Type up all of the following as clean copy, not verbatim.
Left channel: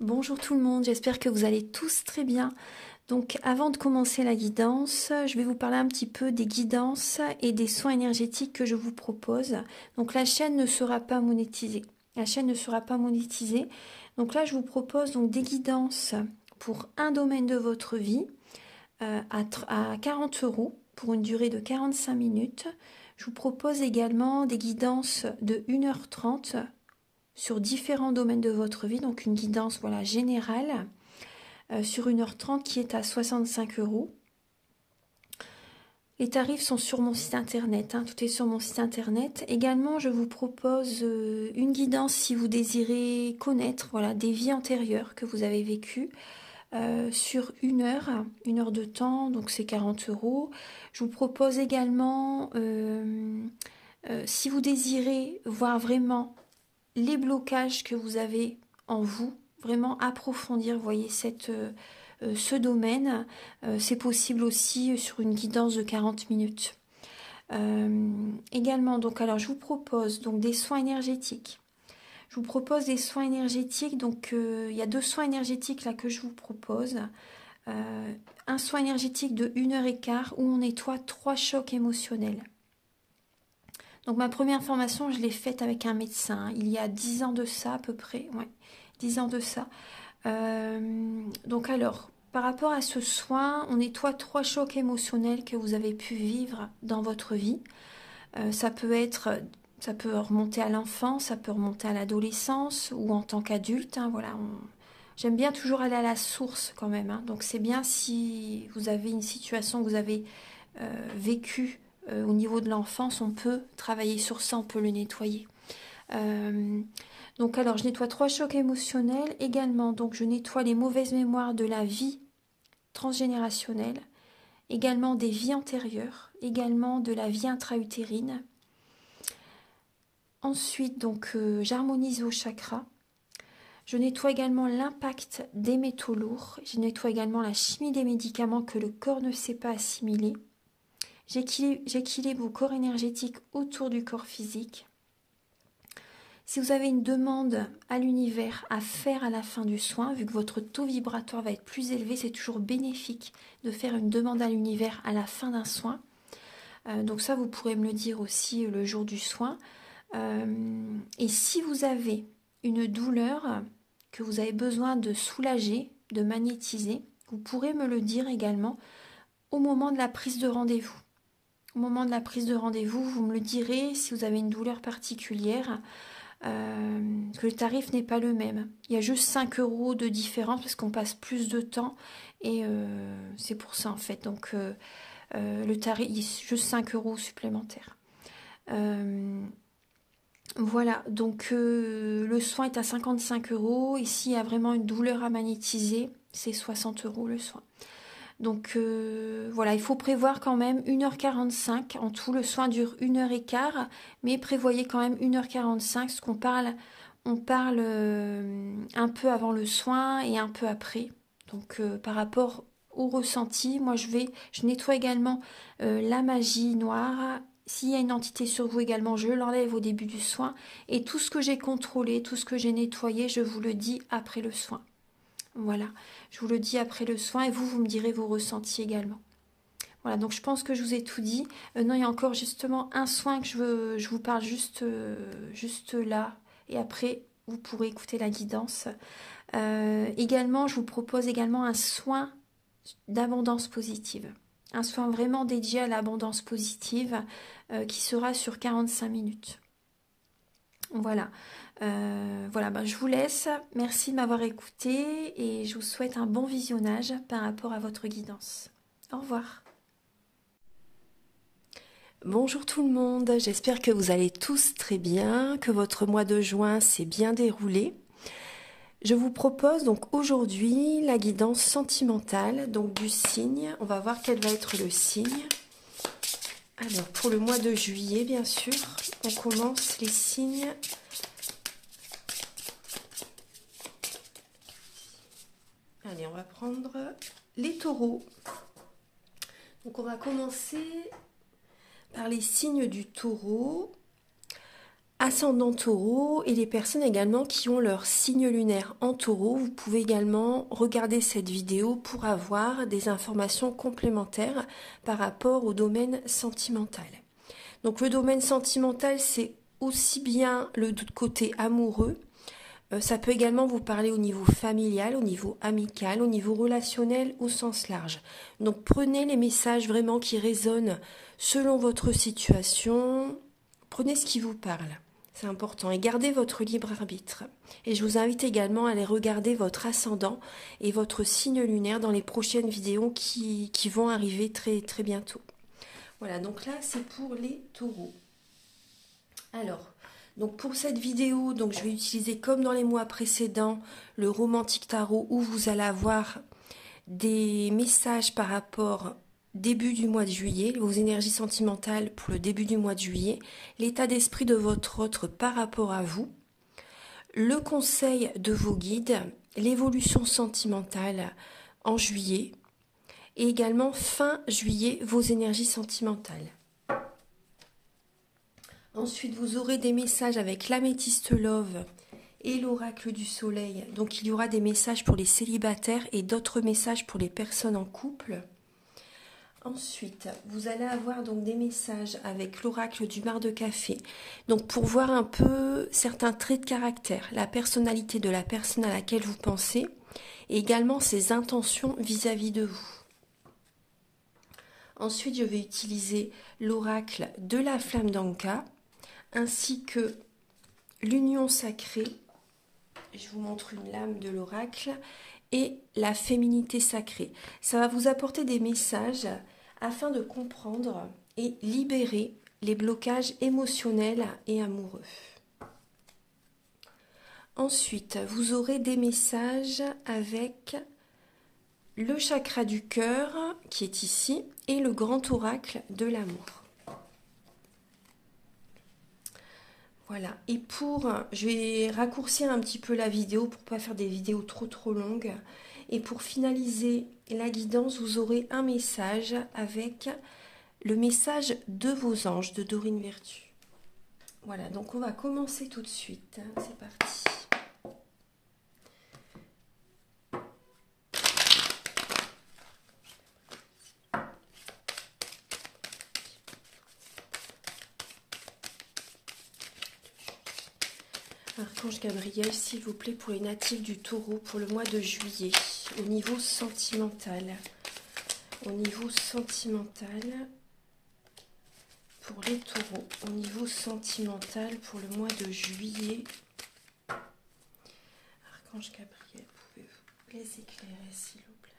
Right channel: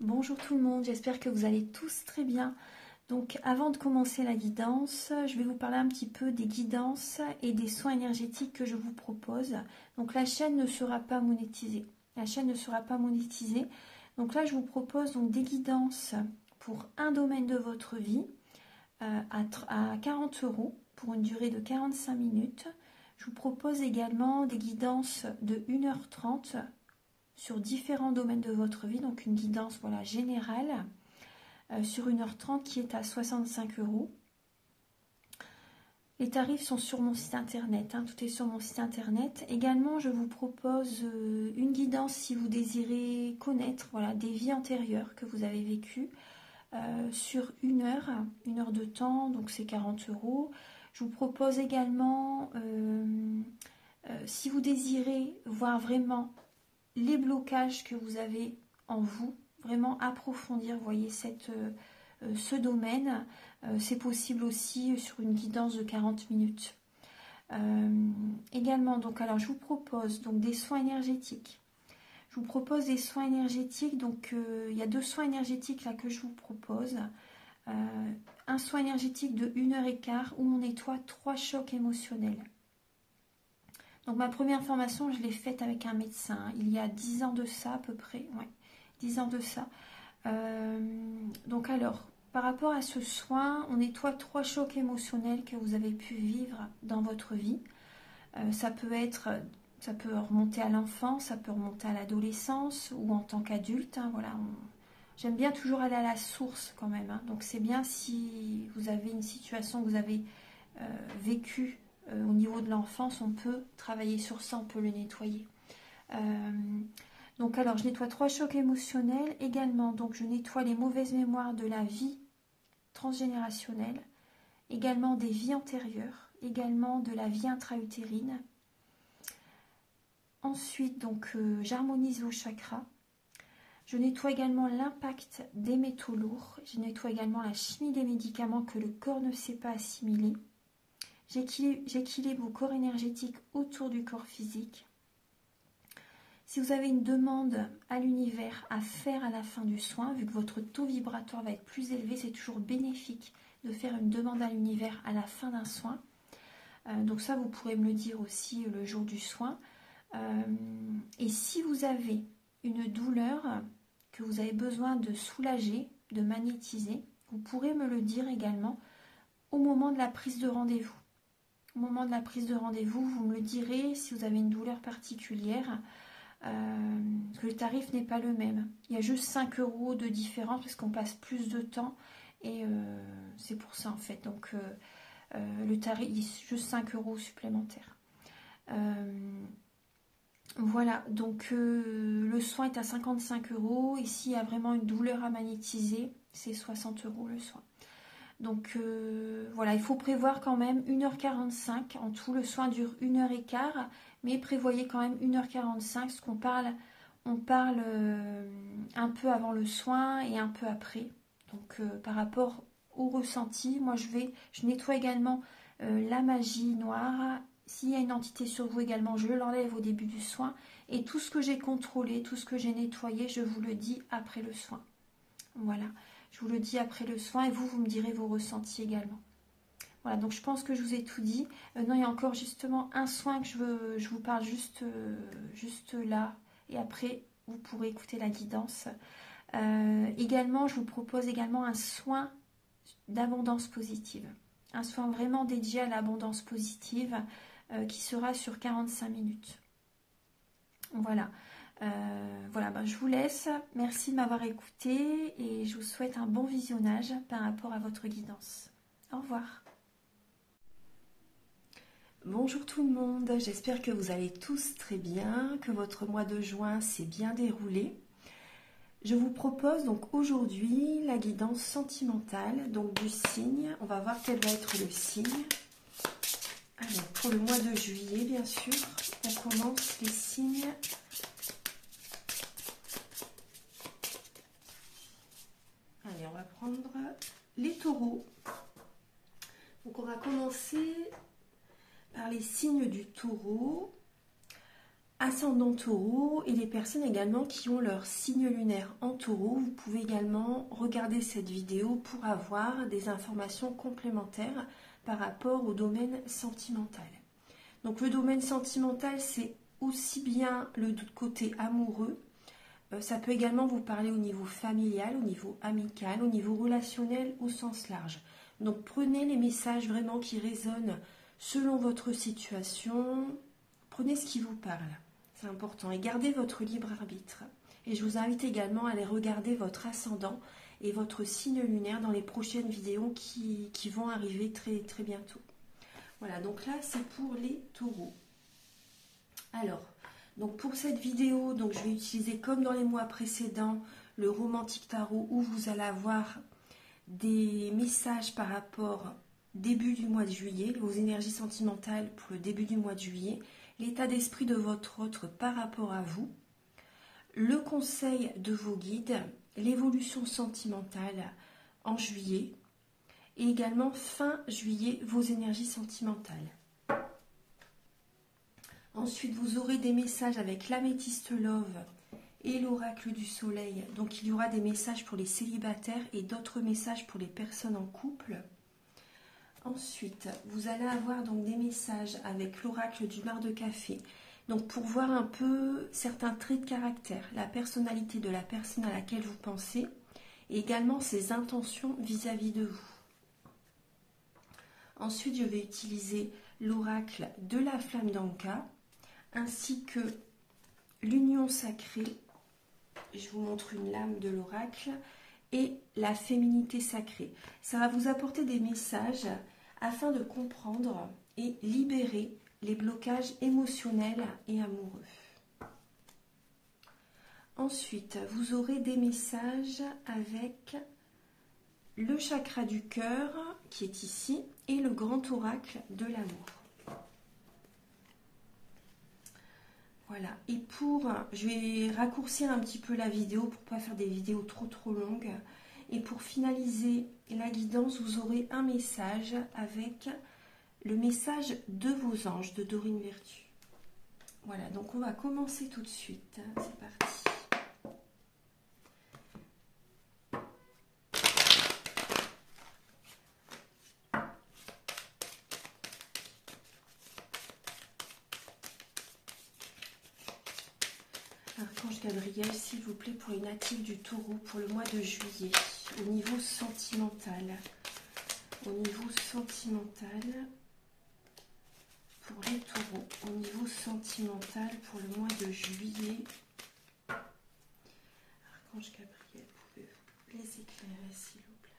Bonjour tout le monde, j'espère que vous allez tous très bien. Donc avant de commencer la guidance, je vais vous parler un petit peu des guidances et des soins énergétiques que je vous propose. Donc la chaîne ne sera pas monétisée. La chaîne ne sera pas monétisée. Donc là je vous propose donc des guidances pour un domaine de votre vie à 40 € pour une durée de 45 minutes. Je vous propose également des guidances de 1h30 sur différents domaines de votre vie, donc une guidance voilà, générale sur 1h30 qui est à 65 €. Les tarifs sont sur mon site internet, tout est sur mon site internet. Également, je vous propose une guidance si vous désirez connaître voilà, des vies antérieures que vous avez vécues sur une heure de temps, donc c'est 40 €. Je vous propose également, si vous désirez voir vraiment les blocages que vous avez en vous, vraiment approfondir, voyez, ce domaine. C'est possible aussi sur une guidance de 40 minutes. Également, donc, alors je vous propose donc des soins énergétiques. Je vous propose des soins énergétiques, donc il y a 2 soins énergétiques là que je vous propose. Un soin énergétique de 1h15 où on nettoie 3 chocs émotionnels. Donc ma première formation, je l'ai faite avec un médecin, il y a 10 ans de ça à peu près, ouais, 10 ans de ça. Donc alors, par rapport à ce soin, on nettoie 3 chocs émotionnels que vous avez pu vivre dans votre vie. Ça peut remonter à l'enfance, ça peut remonter à l'adolescence ou en tant qu'adulte. Voilà, j'aime bien toujours aller à la source quand même. Donc c'est bien si vous avez une situation que vous avez vécue au niveau de l'enfance, on peut travailler sur ça, on peut le nettoyer. Donc alors je nettoie 3 chocs émotionnels également, donc je nettoie les mauvaises mémoires de la vie transgénérationnelle, également des vies antérieures, également de la vie intra-utérine. Ensuite donc j'harmonise vos chakras. Je nettoie également l'impact des métaux lourds, je nettoie également la chimie des médicaments que le corps ne sait pas assimiler. J'équilibre vos corps énergétiques autour du corps physique. Si vous avez une demande à l'univers à faire à la fin du soin, vu que votre taux vibratoire va être plus élevé, c'est toujours bénéfique de faire une demande à l'univers à la fin d'un soin. Donc ça, vous pourrez me le dire aussi le jour du soin. Et si vous avez une douleur que vous avez besoin de soulager, de magnétiser, vous pourrez me le dire également au moment de la prise de rendez-vous. Au moment de la prise de rendez-vous, vous me le direz si vous avez une douleur particulière. Que le tarif n'est pas le même. Il y a juste 5 € de différence parce qu'on passe plus de temps et c'est pour ça en fait. Donc le tarif, il y a juste 5 € supplémentaires. Voilà, donc le soin est à 55 €. Ici, il y a vraiment une douleur à magnétiser, c'est 60 € le soin. Donc voilà, il faut prévoir quand même 1h45. En tout, le soin dure 1h15, mais prévoyez quand même 1h45, parce qu'on parle, on parle un peu avant le soin et un peu après. Donc par rapport au ressenti, moi je nettoie également la magie noire. S'il y a une entité sur vous également, je l'enlève au début du soin. Et tout ce que j'ai contrôlé, tout ce que j'ai nettoyé, je vous le dis après le soin. Voilà, je vous le dis après le soin et vous me direz vos ressentis également. Voilà, donc je pense que je vous ai tout dit. Non, il y a encore justement un soin que je vous parle juste là. Et après, vous pourrez écouter la guidance. Également, je vous propose également un soin d'abondance positive. Un soin vraiment dédié à l'abondance positive qui sera sur 45 minutes. Voilà. Voilà, je vous laisse. Merci de m'avoir écouté et je vous souhaite un bon visionnage par rapport à votre guidance. Au revoir. Bonjour tout le monde, j'espère que vous allez tous très bien, que votre mois de juin s'est bien déroulé. Je vous propose donc aujourd'hui la guidance sentimentale, donc du signe. On va voir quel va être le signe. Alors pour le mois de juillet, bien sûr, on commence les signes. Allez, on va prendre les taureaux. Donc on va commencer par les signes du taureau. ascendant taureau et les personnes également qui ont leur signe lunaire en taureau, vous pouvez également regarder cette vidéo pour avoir des informations complémentaires par rapport au domaine sentimental. Donc le domaine sentimental, c'est aussi bien le côté amoureux, ça peut également vous parler au niveau familial, au niveau amical, au niveau relationnel au sens large. Donc prenez les messages vraiment qui résonnent selon votre situation, prenez ce qui vous parle. C'est important. Et gardez votre libre arbitre. Et je vous invite également à aller regarder votre ascendant et votre signe lunaire dans les prochaines vidéos qui vont arriver très, très bientôt. Voilà, donc là, c'est pour les taureaux. Alors, donc pour cette vidéo, donc je vais utiliser comme dans les mois précédents, le Romantique Tarot où vous allez avoir des messages par rapport début du mois de juillet, vos énergies sentimentales pour le début du mois de juillet, l'état d'esprit de votre autre par rapport à vous, le conseil de vos guides, l'évolution sentimentale en juillet et également fin juillet, vos énergies sentimentales. Ensuite, vous aurez des messages avec l'améthyste love et l'oracle du soleil. Donc, il y aura des messages pour les célibataires et d'autres messages pour les personnes en couple. Ensuite, vous allez avoir donc des messages avec l'oracle du mar de café. Donc, pour voir un peu certains traits de caractère, la personnalité de la personne à laquelle vous pensez et également ses intentions vis-à-vis de vous. Ensuite, je vais utiliser l'oracle de la flamme d'Anka ainsi que l'union sacrée. Je vous montre une lame de l'oracle et la féminité sacrée. Ça va vous apporter des messages afin de comprendre et libérer les blocages émotionnels et amoureux. Ensuite, vous aurez des messages avec le chakra du cœur qui est ici et le grand oracle de l'amour. Voilà, et je vais raccourcir un petit peu la vidéo pour ne pas faire des vidéos trop longues. Et pour finaliser la guidance, vous aurez un message avec le message de vos anges de Dorine Vertu. Voilà, donc on va commencer tout de suite. C'est parti. Archange Gabriel, s'il vous plaît, pour les natifs du Taureau pour le mois de juillet, au niveau sentimental. Au niveau sentimental, pour les Taureaux, au niveau sentimental pour le mois de juillet. Archange Gabriel, pouvez-vous les éclairer, s'il vous plaît?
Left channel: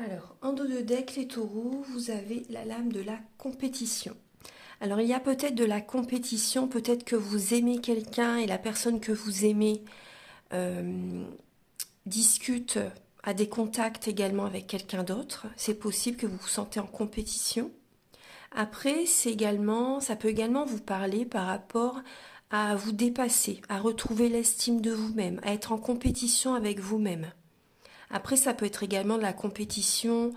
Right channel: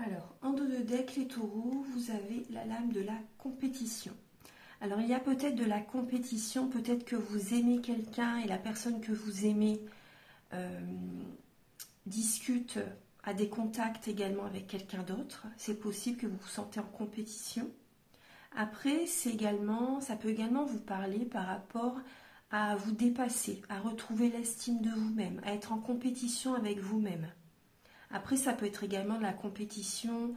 Alors, en dos de deck, les taureaux, vous avez la lame de la compétition. Alors, il y a peut-être de la compétition, peut-être que vous aimez quelqu'un et la personne que vous aimez discute, a des contacts également avec quelqu'un d'autre. C'est possible que vous vous sentez en compétition. Après, ça peut également vous parler par rapport à vous dépasser, à retrouver l'estime de vous-même, à être en compétition avec vous-même. Après, ça peut être également de la compétition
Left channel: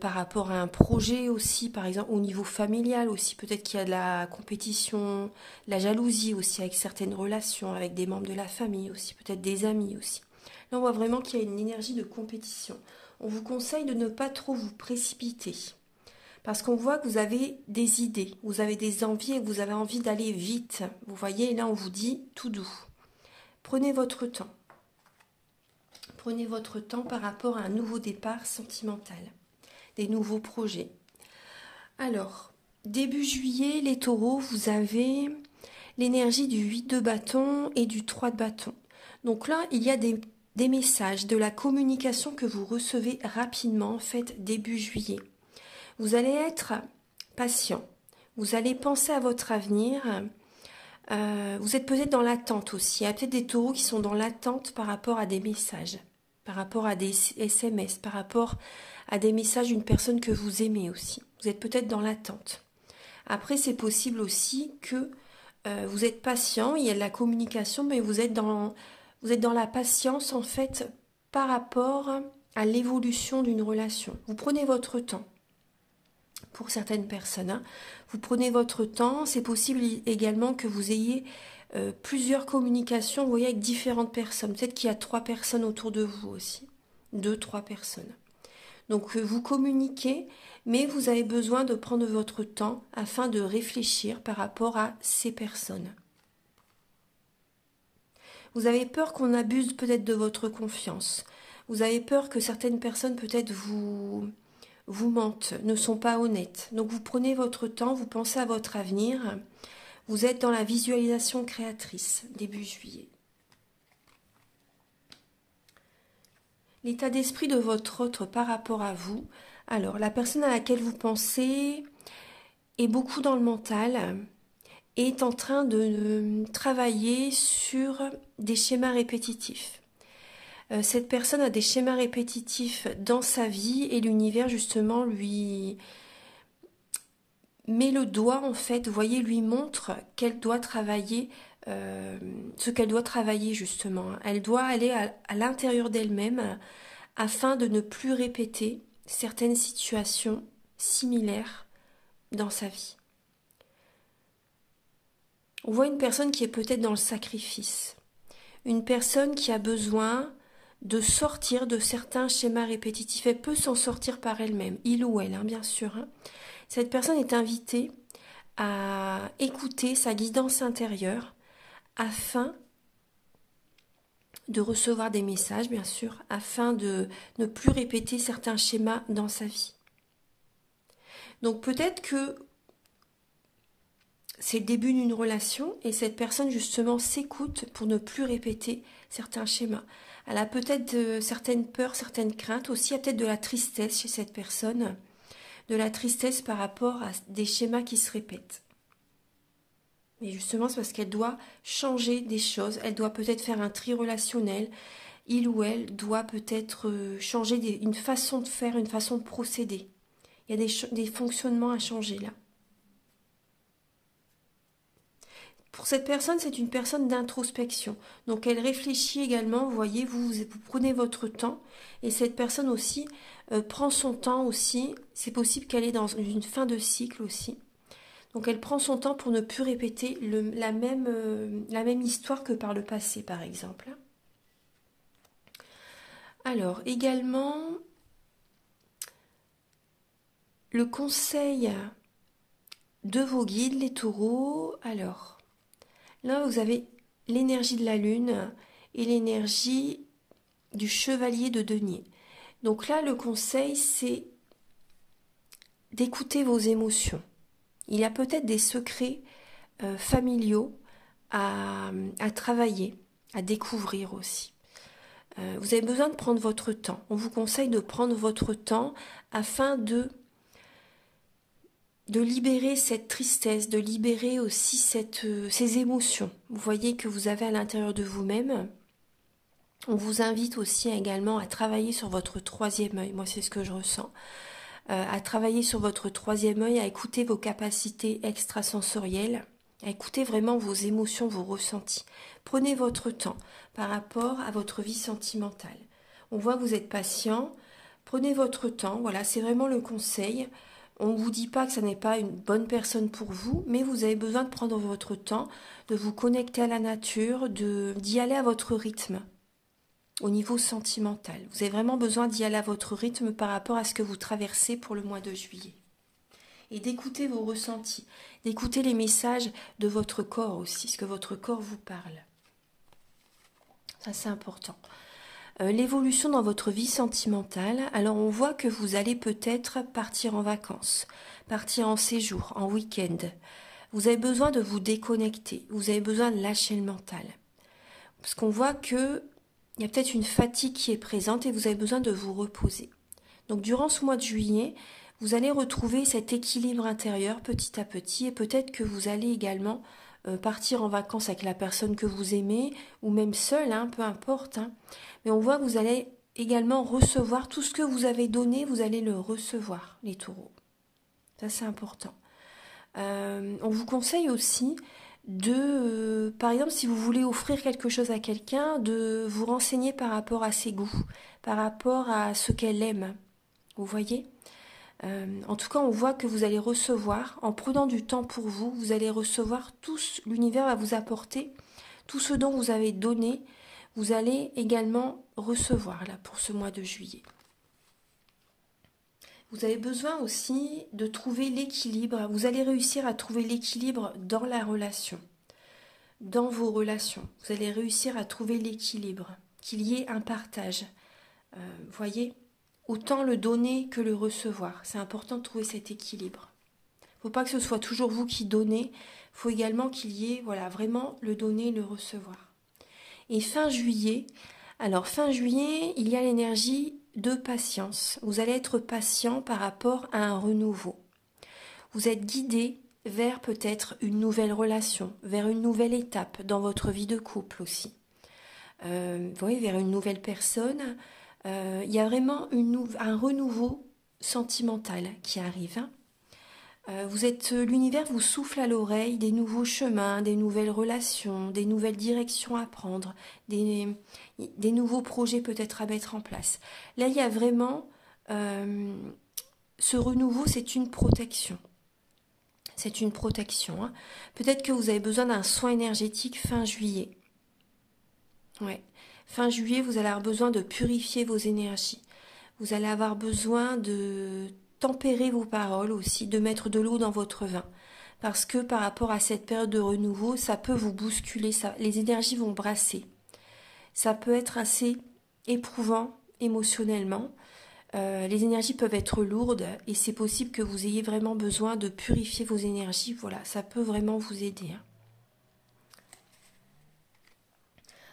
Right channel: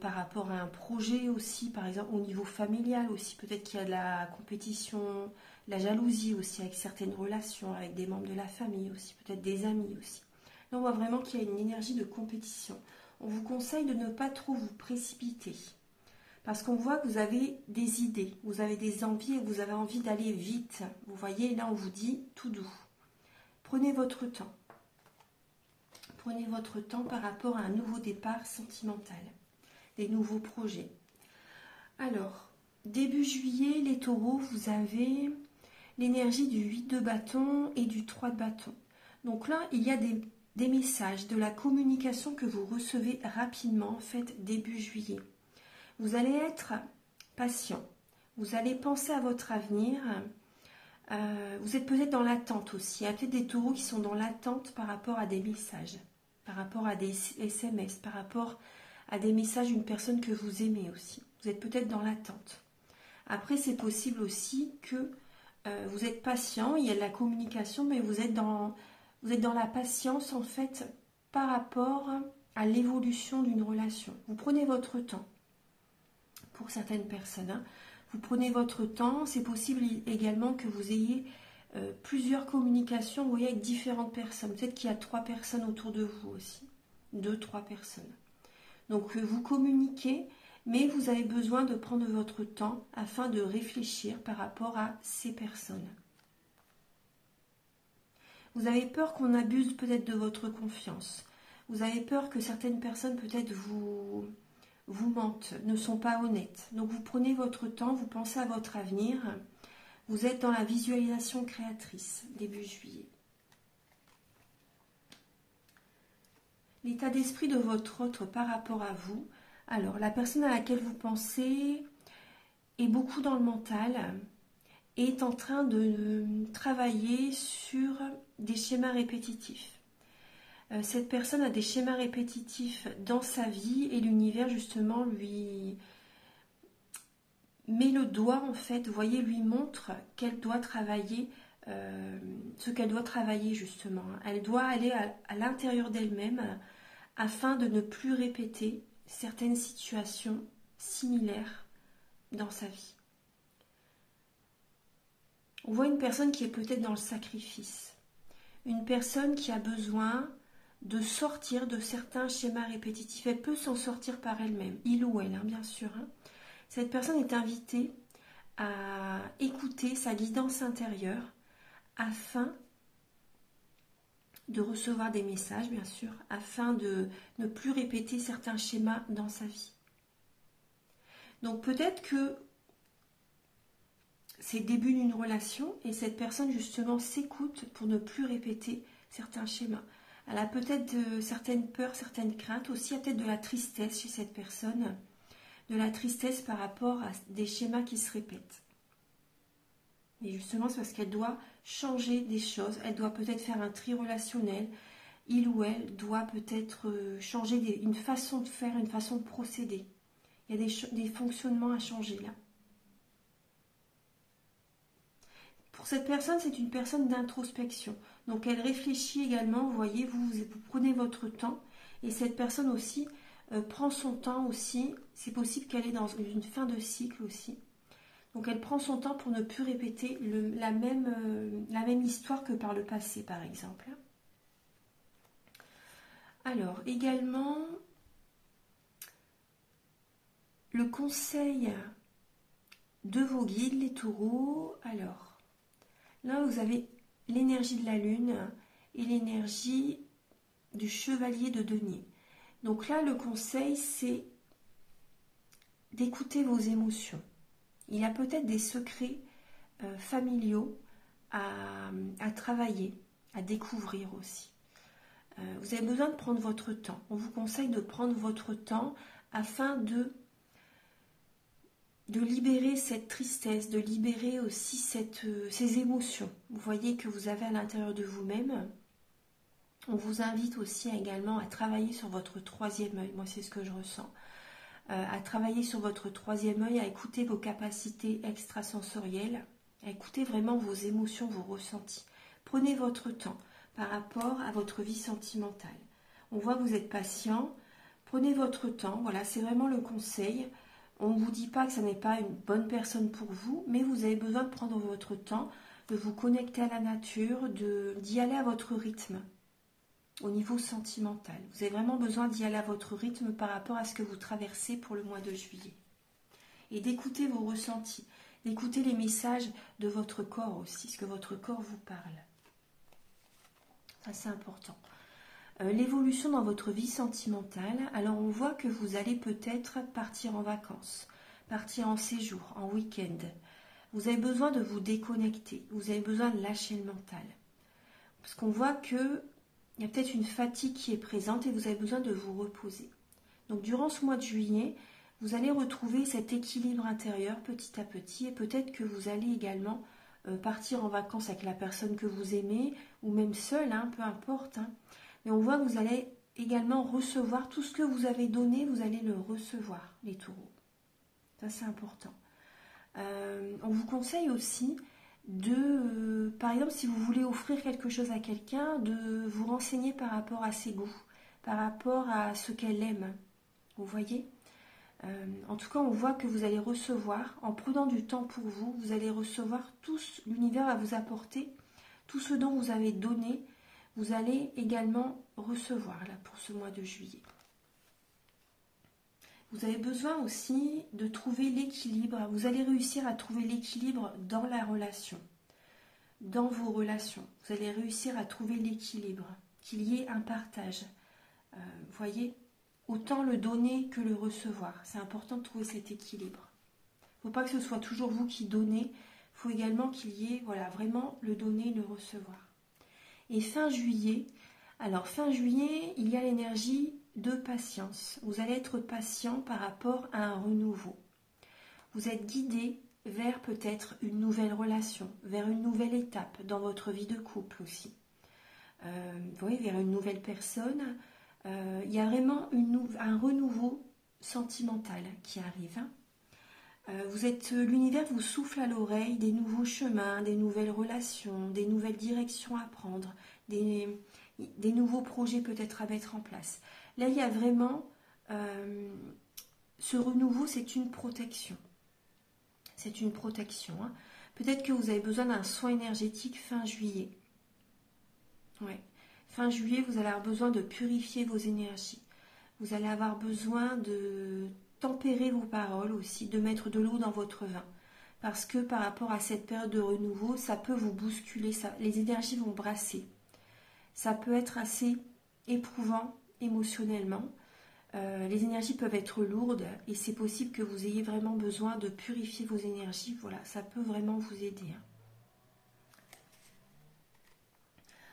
par rapport à un projet aussi, par exemple au niveau familial aussi. Peut-être qu'il y a de la compétition, de la jalousie aussi avec certaines relations, avec des membres de la famille aussi, peut-être des amis aussi. Là, on voit vraiment qu'il y a une énergie de compétition. On vous conseille de ne pas trop vous précipiter. Parce qu'on voit que vous avez des idées, vous avez des envies et que vous avez envie d'aller vite. Vous voyez, là, on vous dit tout doux. Prenez votre temps. Prenez votre temps par rapport à un nouveau départ sentimental, des nouveaux projets. Alors, début juillet, les taureaux, vous avez l'énergie du 8 de bâton et du 3 de bâton. Donc là, il y a des des messages, de la communication que vous recevez rapidement, en fait, début juillet. Vous allez être patient, vous allez penser à votre avenir, vous êtes peut-être dans l'attente aussi. Il y a peut-être des taureaux qui sont dans l'attente par rapport à des messages, par rapport à des SMS, par rapport à des messages d'une personne que vous aimez aussi. Vous êtes peut-être dans l'attente. Après, c'est possible aussi que vous êtes patient, il y a de la communication, mais vous êtes dans la patience en fait par rapport à l'évolution d'une relation. Vous prenez votre temps. Pour certaines personnes, hein. Vous prenez votre temps. C'est possible également que vous ayez plusieurs communications, vous voyez, avec différentes personnes. Peut-être qu'il y a 3 personnes autour de vous aussi. 2, 3 personnes. Donc vous communiquez, mais vous avez besoin de prendre votre temps afin de réfléchir par rapport à ces personnes. Vous avez peur qu'on abuse peut-être de votre confiance. Vous avez peur que certaines personnes peut-être vous mentent, ne sont pas honnêtes. Donc vous prenez votre temps, vous pensez à votre avenir. Vous êtes dans la visualisation créatrice, début juillet. L'état d'esprit de votre autre par rapport à vous. Alors, la personne à laquelle vous pensez est beaucoup dans le mental, est en train de travailler sur des schémas répétitifs. Cette personne a des schémas répétitifs dans sa vie et l'univers justement lui met le doigt en fait, vous voyez, lui montre qu'elle doit travailler, ce qu'elle doit travailler justement. Elle doit aller à l'intérieur d'elle-même afin de ne plus répéter certaines situations similaires dans sa vie. On voit une personne qui est peut-être dans le sacrifice, une personne qui a besoin de sortir de certains schémas répétitifs. Elle peut s'en sortir par elle-même, il ou elle, hein, bien sûr. Hein. Cette personne est invitée à écouter sa guidance intérieure afin de recevoir des messages, bien sûr, afin de ne plus répéter certains schémas dans sa vie. Donc peut-être que c'est le début d'une relation et cette personne justement s'écoute pour ne plus répéter certains schémas. Elle a peut-être certaines peurs, certaines craintes, aussi il y a peut-être de la tristesse chez cette personne, de la tristesse par rapport à des schémas qui se répètent. Mais justement, c'est parce qu'elle doit changer des choses, elle doit peut-être faire un tri relationnel, il ou elle doit peut-être changer une façon de faire, une façon de procéder. Il y a des fonctionnements à changer là. Pour cette personne, c'est une personne d'introspection. Donc elle réfléchit également, vous voyez, vous prenez votre temps et cette personne aussi prend son temps aussi. C'est possible qu'elle est dans une fin de cycle aussi. Donc elle prend son temps pour ne plus répéter la même histoire que par le passé, par exemple. Alors également, le conseil de vos guides, les taureaux. Alors, là, vous avez l'énergie de la lune et l'énergie du chevalier de denier. Donc là, le conseil, c'est d'écouter vos émotions. Il y a peut-être des secrets familiaux à travailler, à découvrir aussi. Vous avez besoin de prendre votre temps. On vous conseille de prendre votre temps afin de libérer cette tristesse, de libérer aussi ces émotions. Vous voyez que vous avez à l'intérieur de vous-même. On vous invite aussi également à travailler sur votre 3e œil. Moi, c'est ce que je ressens. À travailler sur votre 3e œil, à écouter vos capacités extrasensorielles, à écouter vraiment vos émotions, vos ressentis. Prenez votre temps par rapport à votre vie sentimentale. On voit que vous êtes patient. Prenez votre temps. Voilà, c'est vraiment le conseil. On ne vous dit pas que ça n'est pas une bonne personne pour vous, mais vous avez besoin de prendre votre temps, de vous connecter à la nature, d'y aller à votre rythme. Au niveau sentimental, vous avez vraiment besoin d'y aller à votre rythme par rapport à ce que vous traversez pour le mois de juillet. Et d'écouter vos ressentis, d'écouter les messages de votre corps aussi, ce que votre corps vous parle. Ça, c'est important. L'évolution dans votre vie sentimentale, alors on voit que vous allez peut-être partir en vacances, partir en séjour, en week-end. Vous avez besoin de vous déconnecter, vous avez besoin de lâcher le mental. Parce qu'on voit que il y a peut-être une fatigue qui est présente et vous avez besoin de vous reposer. Donc durant ce mois de juillet, vous allez retrouver cet équilibre intérieur petit à petit et peut-être que vous allez également partir en vacances avec la personne que vous aimez ou même seul, hein, peu importe. Hein. Mais on voit que vous allez également recevoir tout ce que vous avez donné, vous allez le recevoir, les taureaux. Ça, c'est important. On vous conseille aussi de, par exemple, si vous voulez offrir quelque chose à quelqu'un, de vous renseigner par rapport à ses goûts, par rapport à ce qu'elle aime. Vous voyez ? En tout cas, on voit que vous allez recevoir, en prenant du temps pour vous, vous allez recevoir tout, l'univers va vous apporter tout ce dont vous avez donné, vous allez également recevoir là pour ce mois de juillet. Vous avez besoin aussi de trouver l'équilibre. Vous allez réussir à trouver l'équilibre dans la relation, dans vos relations. Vous allez réussir à trouver l'équilibre, qu'il y ait un partage. Vous voyez, autant le donner que le recevoir. C'est important de trouver cet équilibre. Il ne faut pas que ce soit toujours vous qui donnez. Il faut également qu'il y ait voilà, vraiment le donner et le recevoir. Et fin juillet, alors fin juillet, il y a l'énergie de patience. Vous allez être patient par rapport à un renouveau. Vous êtes guidé vers peut-être une nouvelle relation, vers une nouvelle étape dans votre vie de couple aussi. Vous voyez, vers une nouvelle personne. Il y a vraiment un renouveau sentimental qui arrive. Hein. L'univers vous souffle à l'oreille des nouveaux chemins, des nouvelles relations, des nouvelles directions à prendre, des nouveaux projets peut-être à mettre en place. Là, il y a vraiment ce renouveau, c'est une protection. C'est une protection. Hein. Peut-être que vous avez besoin d'un soin énergétique fin juillet. Ouais. Fin juillet, vous allez avoir besoin de purifier vos énergies. Vous allez avoir besoin de tempérer vos paroles aussi, de mettre de l'eau dans votre vin. Parce que par rapport à cette période de renouveau, ça peut vous bousculer, les énergies vont brasser. Ça peut être assez éprouvant émotionnellement. Les énergies peuvent être lourdes et c'est possible que vous ayez vraiment besoin de purifier vos énergies. Voilà, ça peut vraiment vous aider. Hein.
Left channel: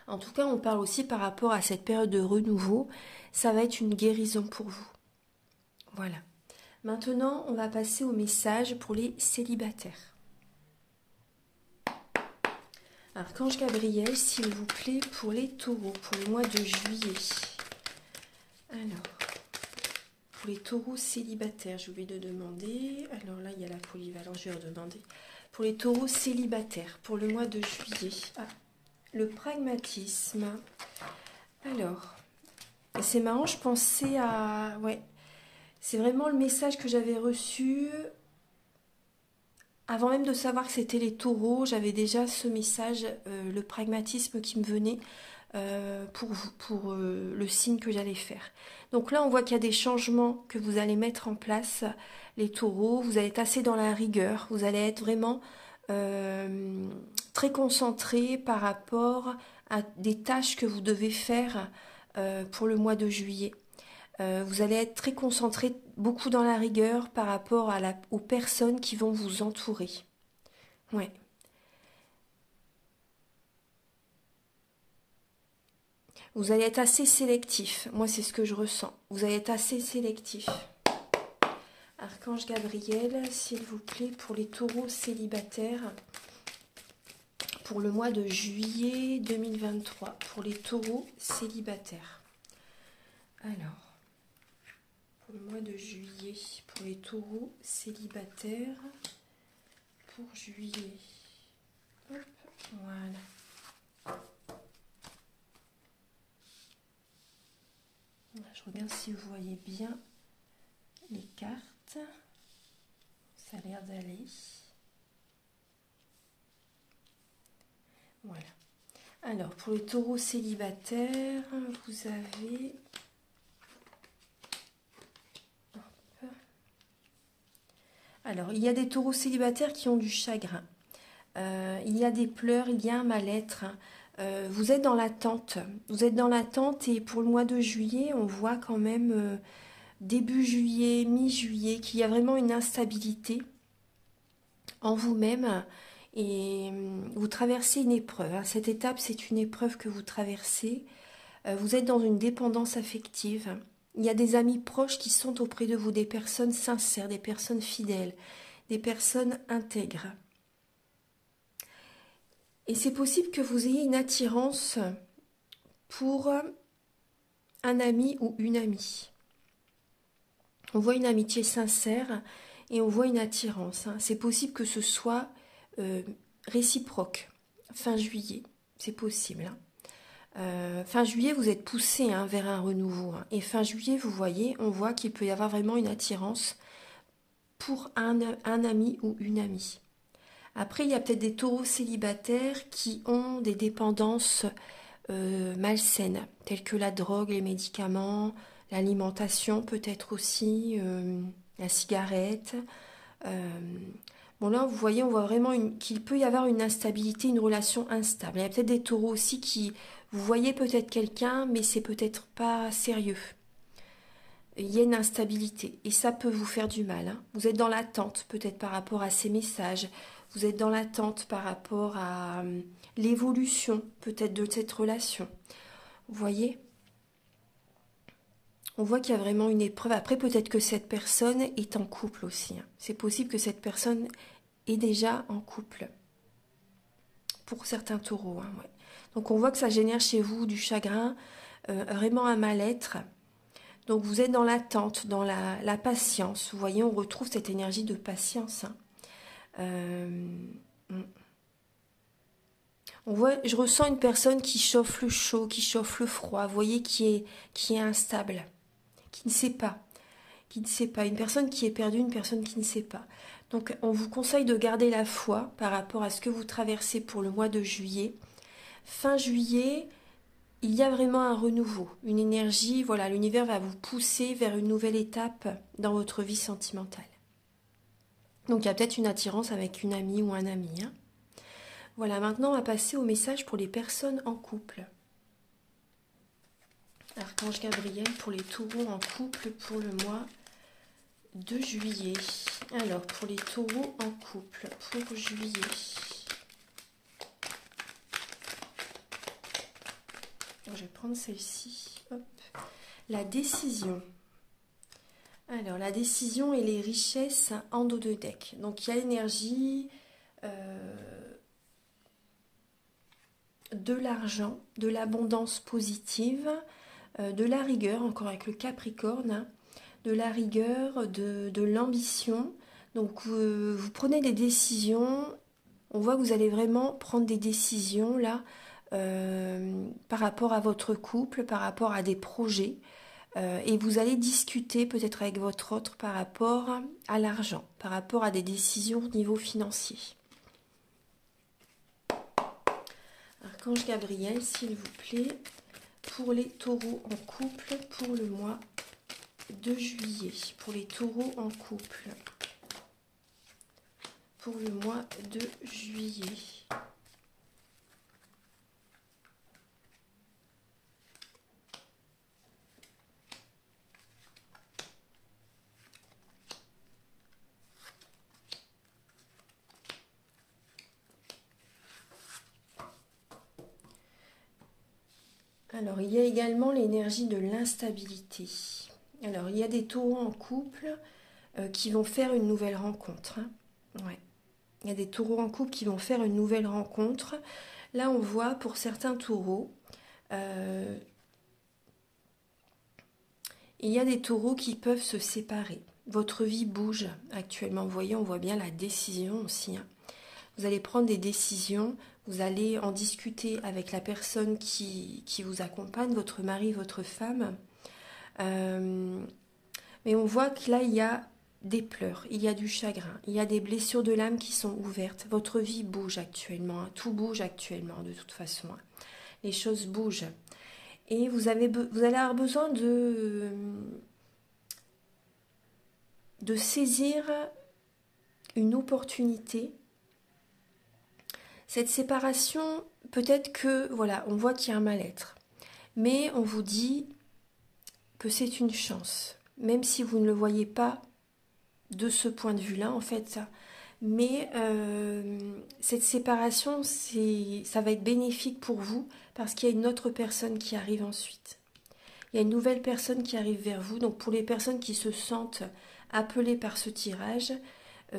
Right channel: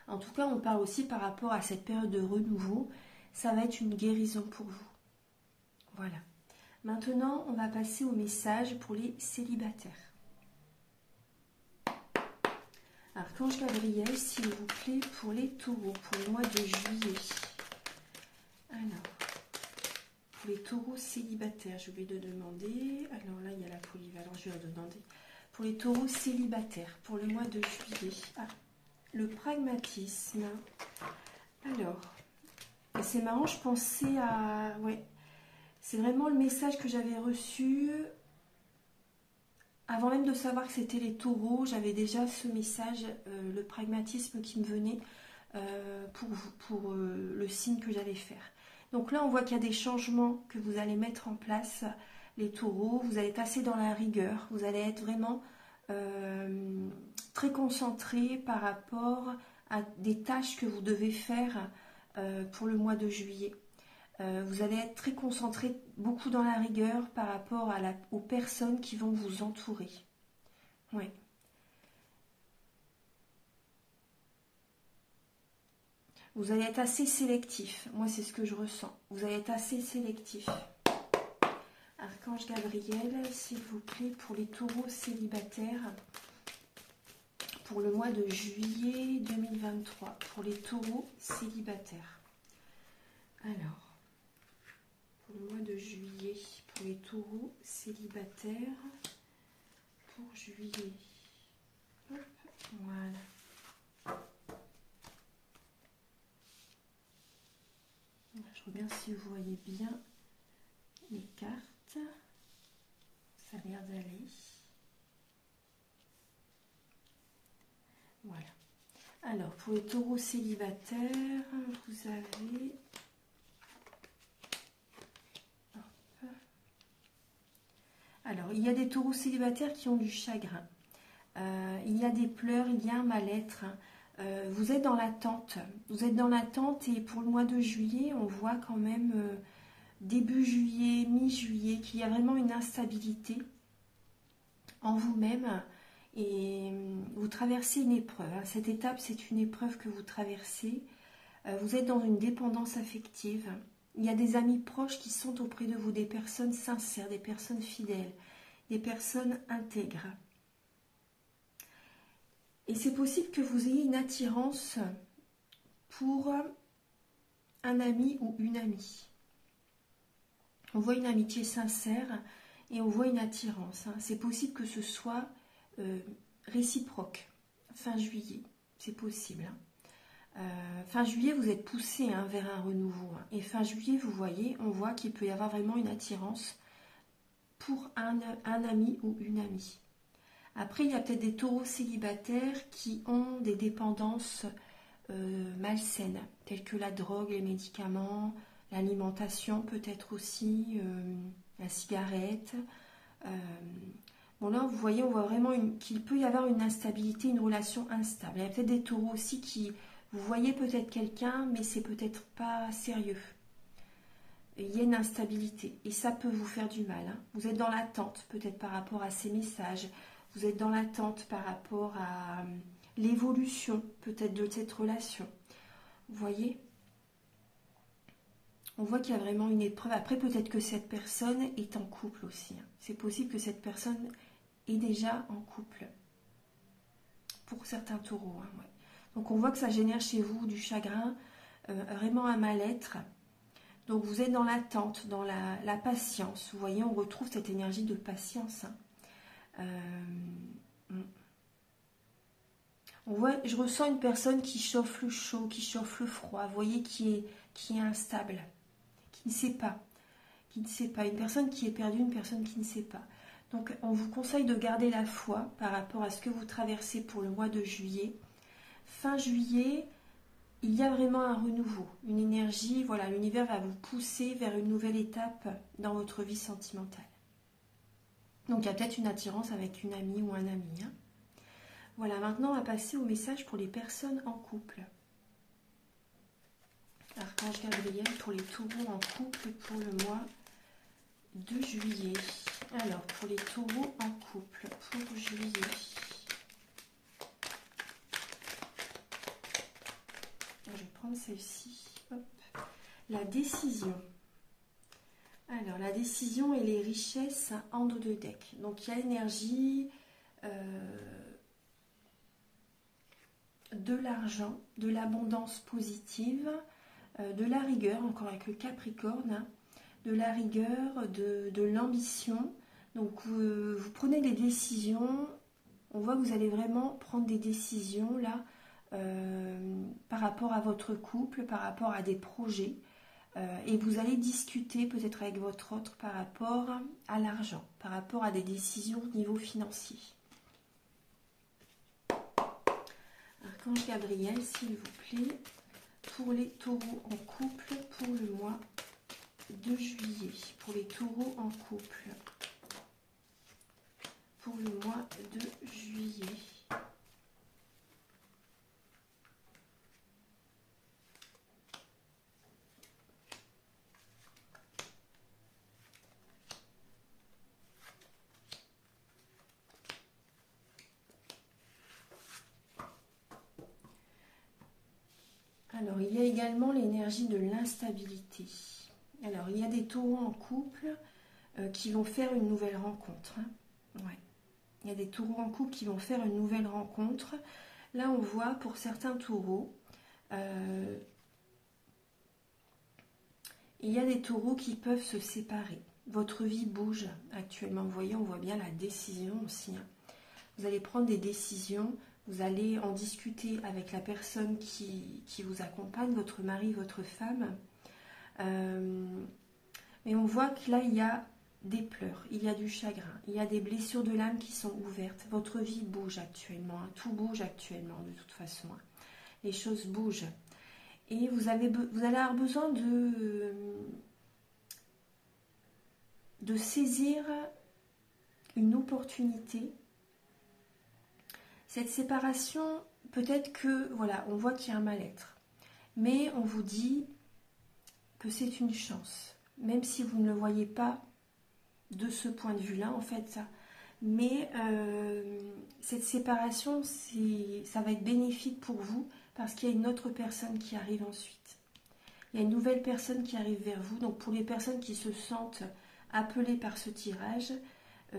En tout cas, on parle aussi par rapport à cette période de renouveau. Ça va être une guérison pour vous. Voilà. Maintenant, on va passer au message pour les célibataires. Archange Gabriel, s'il vous plaît, pour les taureaux, pour le mois de juillet. Alors, pour les taureaux célibataires, je vais le demander. Alors là, il y a la polyvalence, je vais redemander. Pour les taureaux célibataires, pour le mois de juillet. Ah, le pragmatisme. Alors, et c'est marrant, je pensais à... Ouais, c'est vraiment le message que j'avais reçu. Avant même de savoir que c'était les taureaux, j'avais déjà ce message, le pragmatisme qui me venait pour le signe que j'allais faire. Donc là, on voit qu'il y a des changements que vous allez mettre en place, les taureaux. Vous allez être assez dans la rigueur, vous allez être vraiment très concentré par rapport à des tâches que vous devez faire pour le mois de juillet. Vous allez être très concentré, beaucoup dans la rigueur par rapport aux personnes qui vont vous entourer. Ouais. Vous allez être assez sélectif. Moi, c'est ce que je ressens. Vous allez être assez sélectif. Archange Gabriel, s'il vous plaît, pour les taureaux célibataires, pour le mois de juillet 2023, pour les taureaux célibataires. Alors, pour le mois de juillet, pour les taureaux célibataires, pour juillet. Hop, voilà. Je regarde si vous voyez bien les cartes. Ça a l'air d'aller. Voilà. Alors, pour les taureaux célibataires, vous avez... Alors, il y a des taureaux célibataires qui ont du chagrin. Il y a des pleurs, il y a un mal-être. Vous êtes dans l'attente. Vous êtes dans l'attente et pour le mois de juillet, on voit quand même début juillet, mi-juillet, qu'il y a vraiment une instabilité en vous-même et vous traversez une épreuve. Cette étape, c'est une épreuve que vous traversez. Vous êtes dans une dépendance affective. Il y a des amis proches qui sont auprès de vous, des personnes sincères, des personnes fidèles, des personnes intègres. Et c'est possible que vous ayez une attirance pour un ami ou une amie. On voit une amitié sincère et on voit une attirance. C'est possible que ce soit réciproque. Fin juillet, c'est possible. Fin juillet, vous êtes poussé vers un renouveau. Et fin juillet, vous voyez, on voit qu'il peut y avoir vraiment une attirance pour un ami ou une amie. Après, il y a peut-être des taureaux célibataires qui ont des dépendances malsaines, telles que la drogue, les médicaments, l'alimentation peut-être aussi, la cigarette. Bon là, vous voyez, on voit vraiment qu'il peut y avoir une instabilité, une relation instable. Il y a peut-être des taureaux aussi qui, vous voyez peut-être quelqu'un, mais c'est peut-être pas sérieux. Il y a une instabilité et ça peut vous faire du mal. Vous êtes dans l'attente peut-être par rapport à ces messages. Vous êtes dans l'attente par rapport à l'évolution peut-être de cette relation. Vous voyez ? On voit qu'il y a vraiment une épreuve. Après, peut-être que cette personne est en couple aussi. C'est possible que cette personne est déjà en couple. Pour certains taureaux. Ouais. Donc on voit que ça génère chez vous du chagrin, vraiment un mal-être. Donc vous êtes dans l'attente, dans la patience. Vous voyez, on retrouve cette énergie de patience. On voit, je ressens une personne qui chauffe le chaud, qui chauffe le froid. Vous voyez, qui est instable, qui ne sait pas. Une personne qui est perdue, une personne qui ne sait pas. Donc on vous conseille de garder la foi par rapport à ce que vous traversez pour le mois de juillet. Fin juillet, il y a vraiment un renouveau, une énergie, voilà, l'univers va vous pousser vers une nouvelle étape dans votre vie sentimentale. Donc il y a peut-être une attirance avec une amie ou un ami. Voilà, maintenant on va passer au message pour les personnes en couple. Archange Gabriel pour les taureaux en couple pour le mois de juillet. Alors, pour les taureaux en couple pour juillet. Je vais prendre celle-ci. La décision. Alors, la décision et les richesses en dos de deck. Donc, il y a l'énergie de l'argent, de l'abondance positive, de la rigueur, encore avec le Capricorne, de la rigueur, de l'ambition. Donc, vous prenez des décisions. On voit que vous allez vraiment prendre des décisions là par rapport à votre couple, par rapport à des projets. Et vous allez discuter peut-être avec votre autre par rapport à l'argent, par rapport à des décisions au niveau financier. Archange Gabriel, s'il vous plaît, pour les taureaux en couple pour le mois de juillet. Pour les taureaux en couple pour le mois de juillet. Alors, il y a également l'énergie de l'instabilité. Alors, il y a des taureaux en couple qui vont faire une nouvelle rencontre. Ouais. Il y a des taureaux en couple qui vont faire une nouvelle rencontre. Là, on voit pour certains taureaux, il y a des taureaux qui peuvent se séparer. Votre vie bouge actuellement. Vous voyez, on voit bien la décision aussi. Vous allez prendre des décisions. Vous allez en discuter avec la personne qui vous accompagne, votre mari, votre femme. Mais on voit que là, il y a des pleurs, il y a du chagrin, il y a des blessures de l'âme qui sont ouvertes. Votre vie bouge actuellement, tout bouge actuellement de toute façon. Les choses bougent. Et vous allez avoir besoin de saisir une opportunité. Cette séparation, peut-être que, voilà, on voit qu'il y a un mal-être. Mais on vous dit que c'est une chance, même si vous ne le voyez pas de ce point de vue-là, en fait. Mais cette séparation, ça va être bénéfique pour vous, parce qu'il y a une autre personne qui arrive ensuite. Il y a une nouvelle personne qui arrive vers vous. Donc pour les personnes qui se sentent appelées par ce tirage,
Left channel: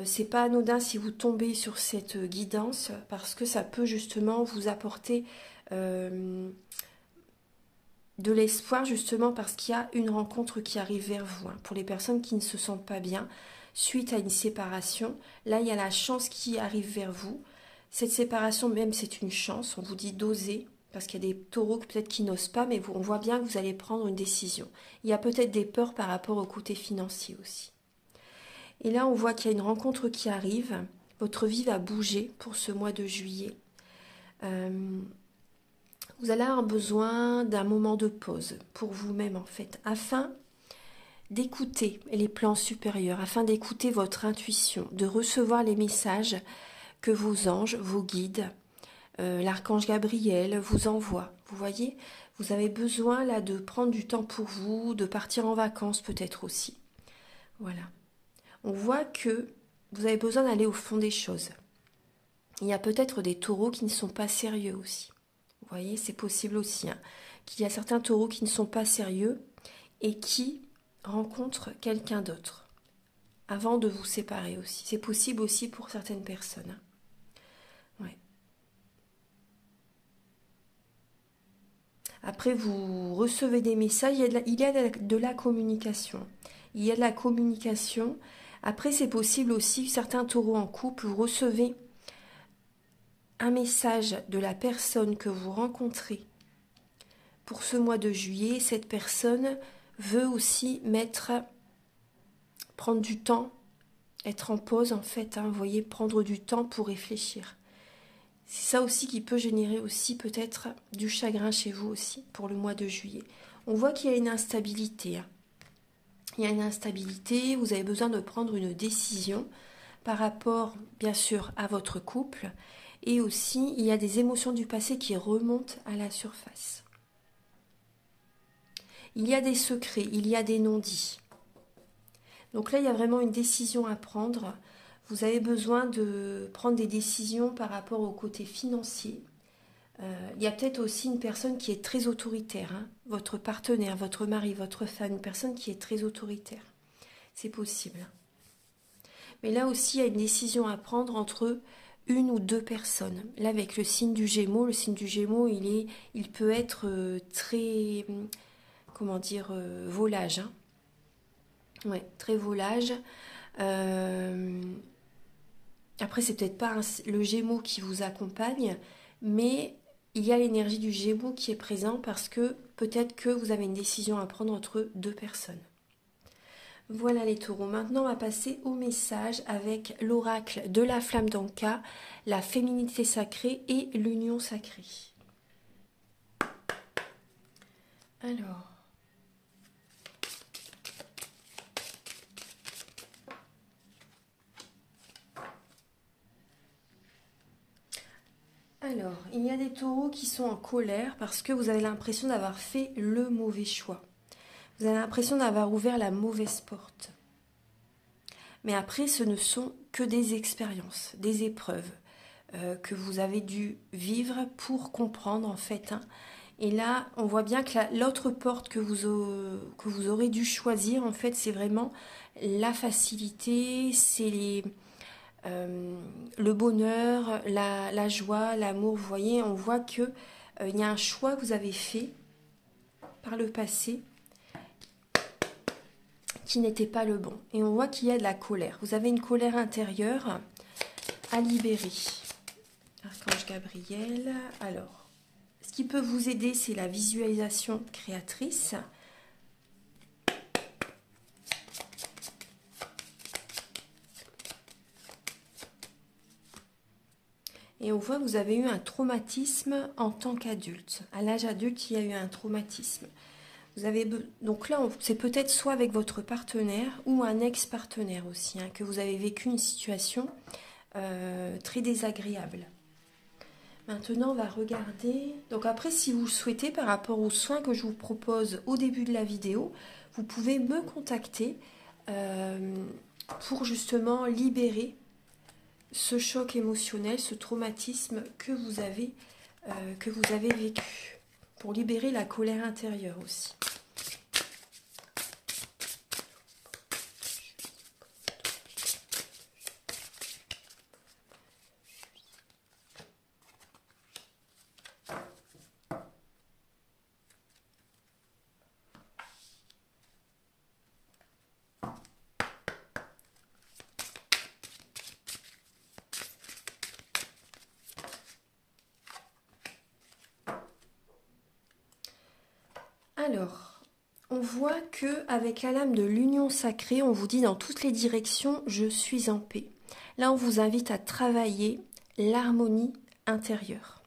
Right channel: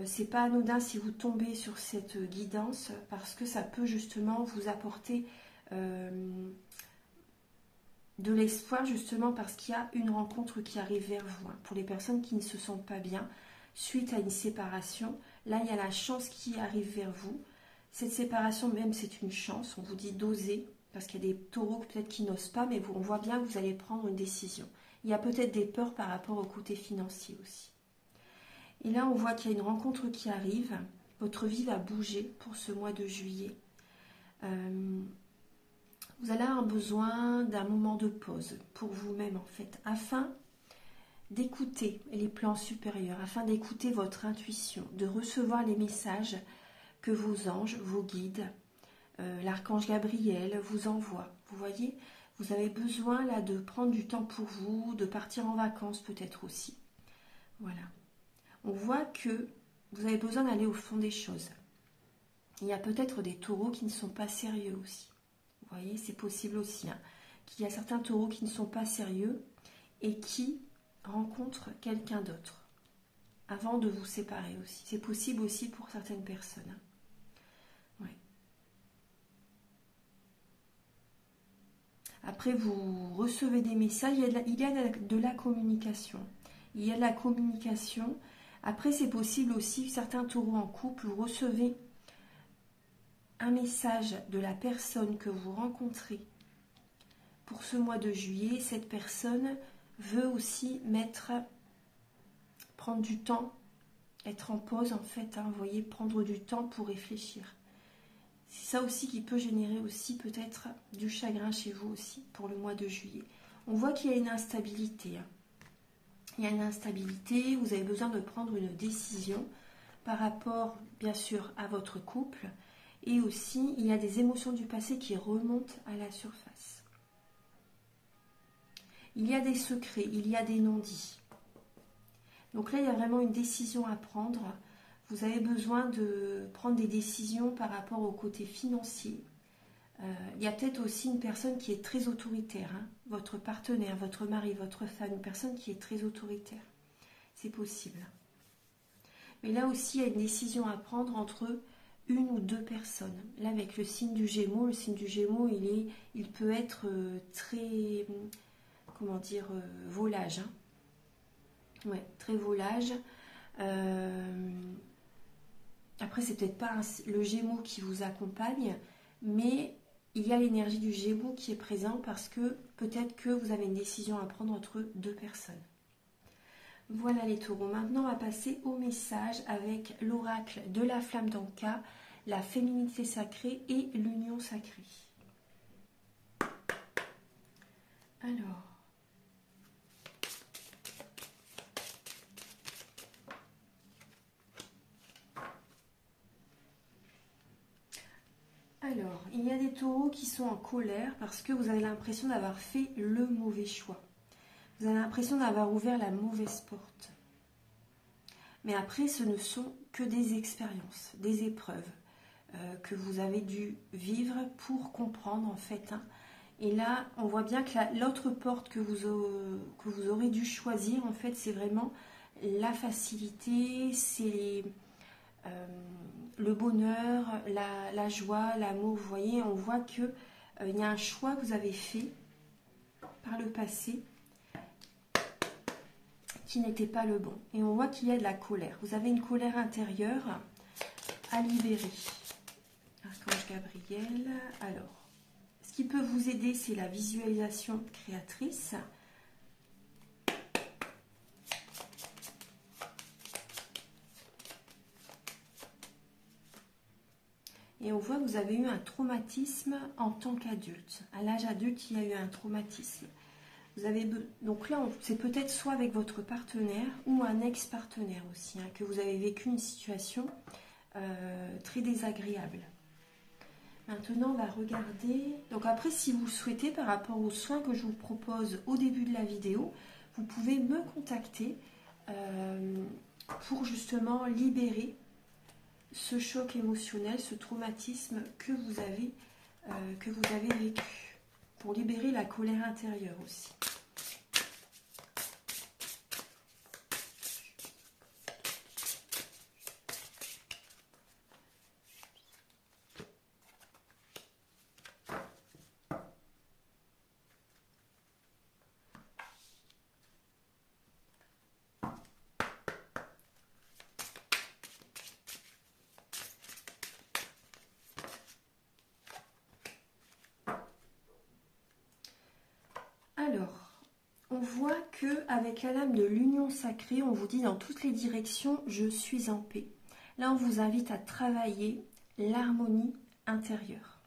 c'est pas anodin si vous tombez sur cette guidance, parce que ça peut justement vous apporter de l'espoir, justement parce qu'il y a une rencontre qui arrive vers vous. Pour les personnes qui ne se sentent pas bien suite à une séparation, là il y a la chance qui arrive vers vous. Cette séparation même, c'est une chance, on vous dit d'oser, parce qu'il y a des taureaux peut-être qui n'osent pas, mais on voit bien que vous allez prendre une décision. Il y a peut-être des peurs par rapport au côté financier aussi. Et là, on voit qu'il y a une rencontre qui arrive. Votre vie va bouger pour ce mois de juillet. Vous allez avoir besoin d'un moment de pause pour vous-même, en fait, afin d'écouter les plans supérieurs, afin d'écouter votre intuition, de recevoir les messages que vos anges, vos guides, l'archange Gabriel vous envoie. Vous voyez, vous avez besoin là de prendre du temps pour vous, de partir en vacances peut-être aussi. Voilà. On voit que vous avez besoin d'aller au fond des choses. Il y a peut-être des taureaux qui ne sont pas sérieux aussi. Vous voyez, c'est possible aussi, hein, qu'il y a certains taureaux qui ne sont pas sérieux et qui rencontrent quelqu'un d'autre avant de vous séparer aussi. C'est possible aussi pour certaines personnes. Ouais. Après, vous recevez des messages, il y a de la communication. Il y a de la communication. Après, c'est possible aussi, certains taureaux en couple, vous recevez un message de la personne que vous rencontrez pour ce mois de juillet. Cette personne veut aussi prendre du temps, être en pause en fait, hein, vous voyez, prendre du temps pour réfléchir. C'est ça aussi qui peut générer aussi peut-être du chagrin chez vous aussi pour le mois de juillet. On voit qu'il y a une instabilité. Hein. Il y a une instabilité, vous avez besoin de prendre une décision par rapport, bien sûr, à votre couple. Et aussi, il y a des émotions du passé qui remontent à la surface. Il y a des secrets, il y a des non-dits. Donc là, il y a vraiment une décision à prendre. Vous avez besoin de prendre des décisions par rapport au côté financier. Il y a peut-être aussi une personne qui est très autoritaire, hein, votre partenaire, votre mari, votre femme, une personne qui est très autoritaire. C'est possible. Mais là aussi, il y a une décision à prendre entre une ou deux personnes. Là, avec le signe du Gémeaux, il peut être très, comment dire, volage. Hein. Ouais, très volage. Après, c'est peut-être pas le Gémeaux qui vous accompagne, mais il y a l'énergie du Gémeaux qui est présent parce que peut-être que vous avez une décision à prendre entre deux personnes. Voilà les taureaux. Maintenant, on va passer au message avec l'oracle de la flamme d'Anka, la féminité sacrée et l'union sacrée. Alors, il y a des taureaux qui sont en colère parce que vous avez l'impression d'avoir fait le mauvais choix. Vous avez l'impression d'avoir ouvert la mauvaise porte. Mais après, ce ne sont que des expériences, des épreuves que vous avez dû vivre pour comprendre en fait. Hein. Et là, on voit bien que l'autre porte que vous aurez dû choisir, en fait, c'est vraiment la facilité, c'est le bonheur, la joie, l'amour. Vous voyez, on voit qu'il y a un choix que vous avez fait par le passé qui n'était pas le bon. Et on voit qu'il y a de la colère. Vous avez une colère intérieure à libérer. Archange Gabriel. Alors, ce qui peut vous aider, c'est la visualisation créatrice. Et on voit que vous avez eu un traumatisme en tant qu'adulte. À l'âge adulte, il y a eu un traumatisme. Donc là, c'est peut-être soit avec votre partenaire ou un ex-partenaire aussi, hein, que vous avez vécu une situation très désagréable. Maintenant, on va regarder. Donc après, si vous le souhaitez, par rapport aux soins que je vous propose au début de la vidéo, vous pouvez me contacter pour justement libérer ce choc émotionnel, ce traumatisme que vous avez vécu. pour libérer la colère intérieure aussi. Alors, on voit que avec la lame de l'union sacrée, on vous dit dans toutes les directions, je suis en paix. Là, on vous invite à travailler l'harmonie intérieure,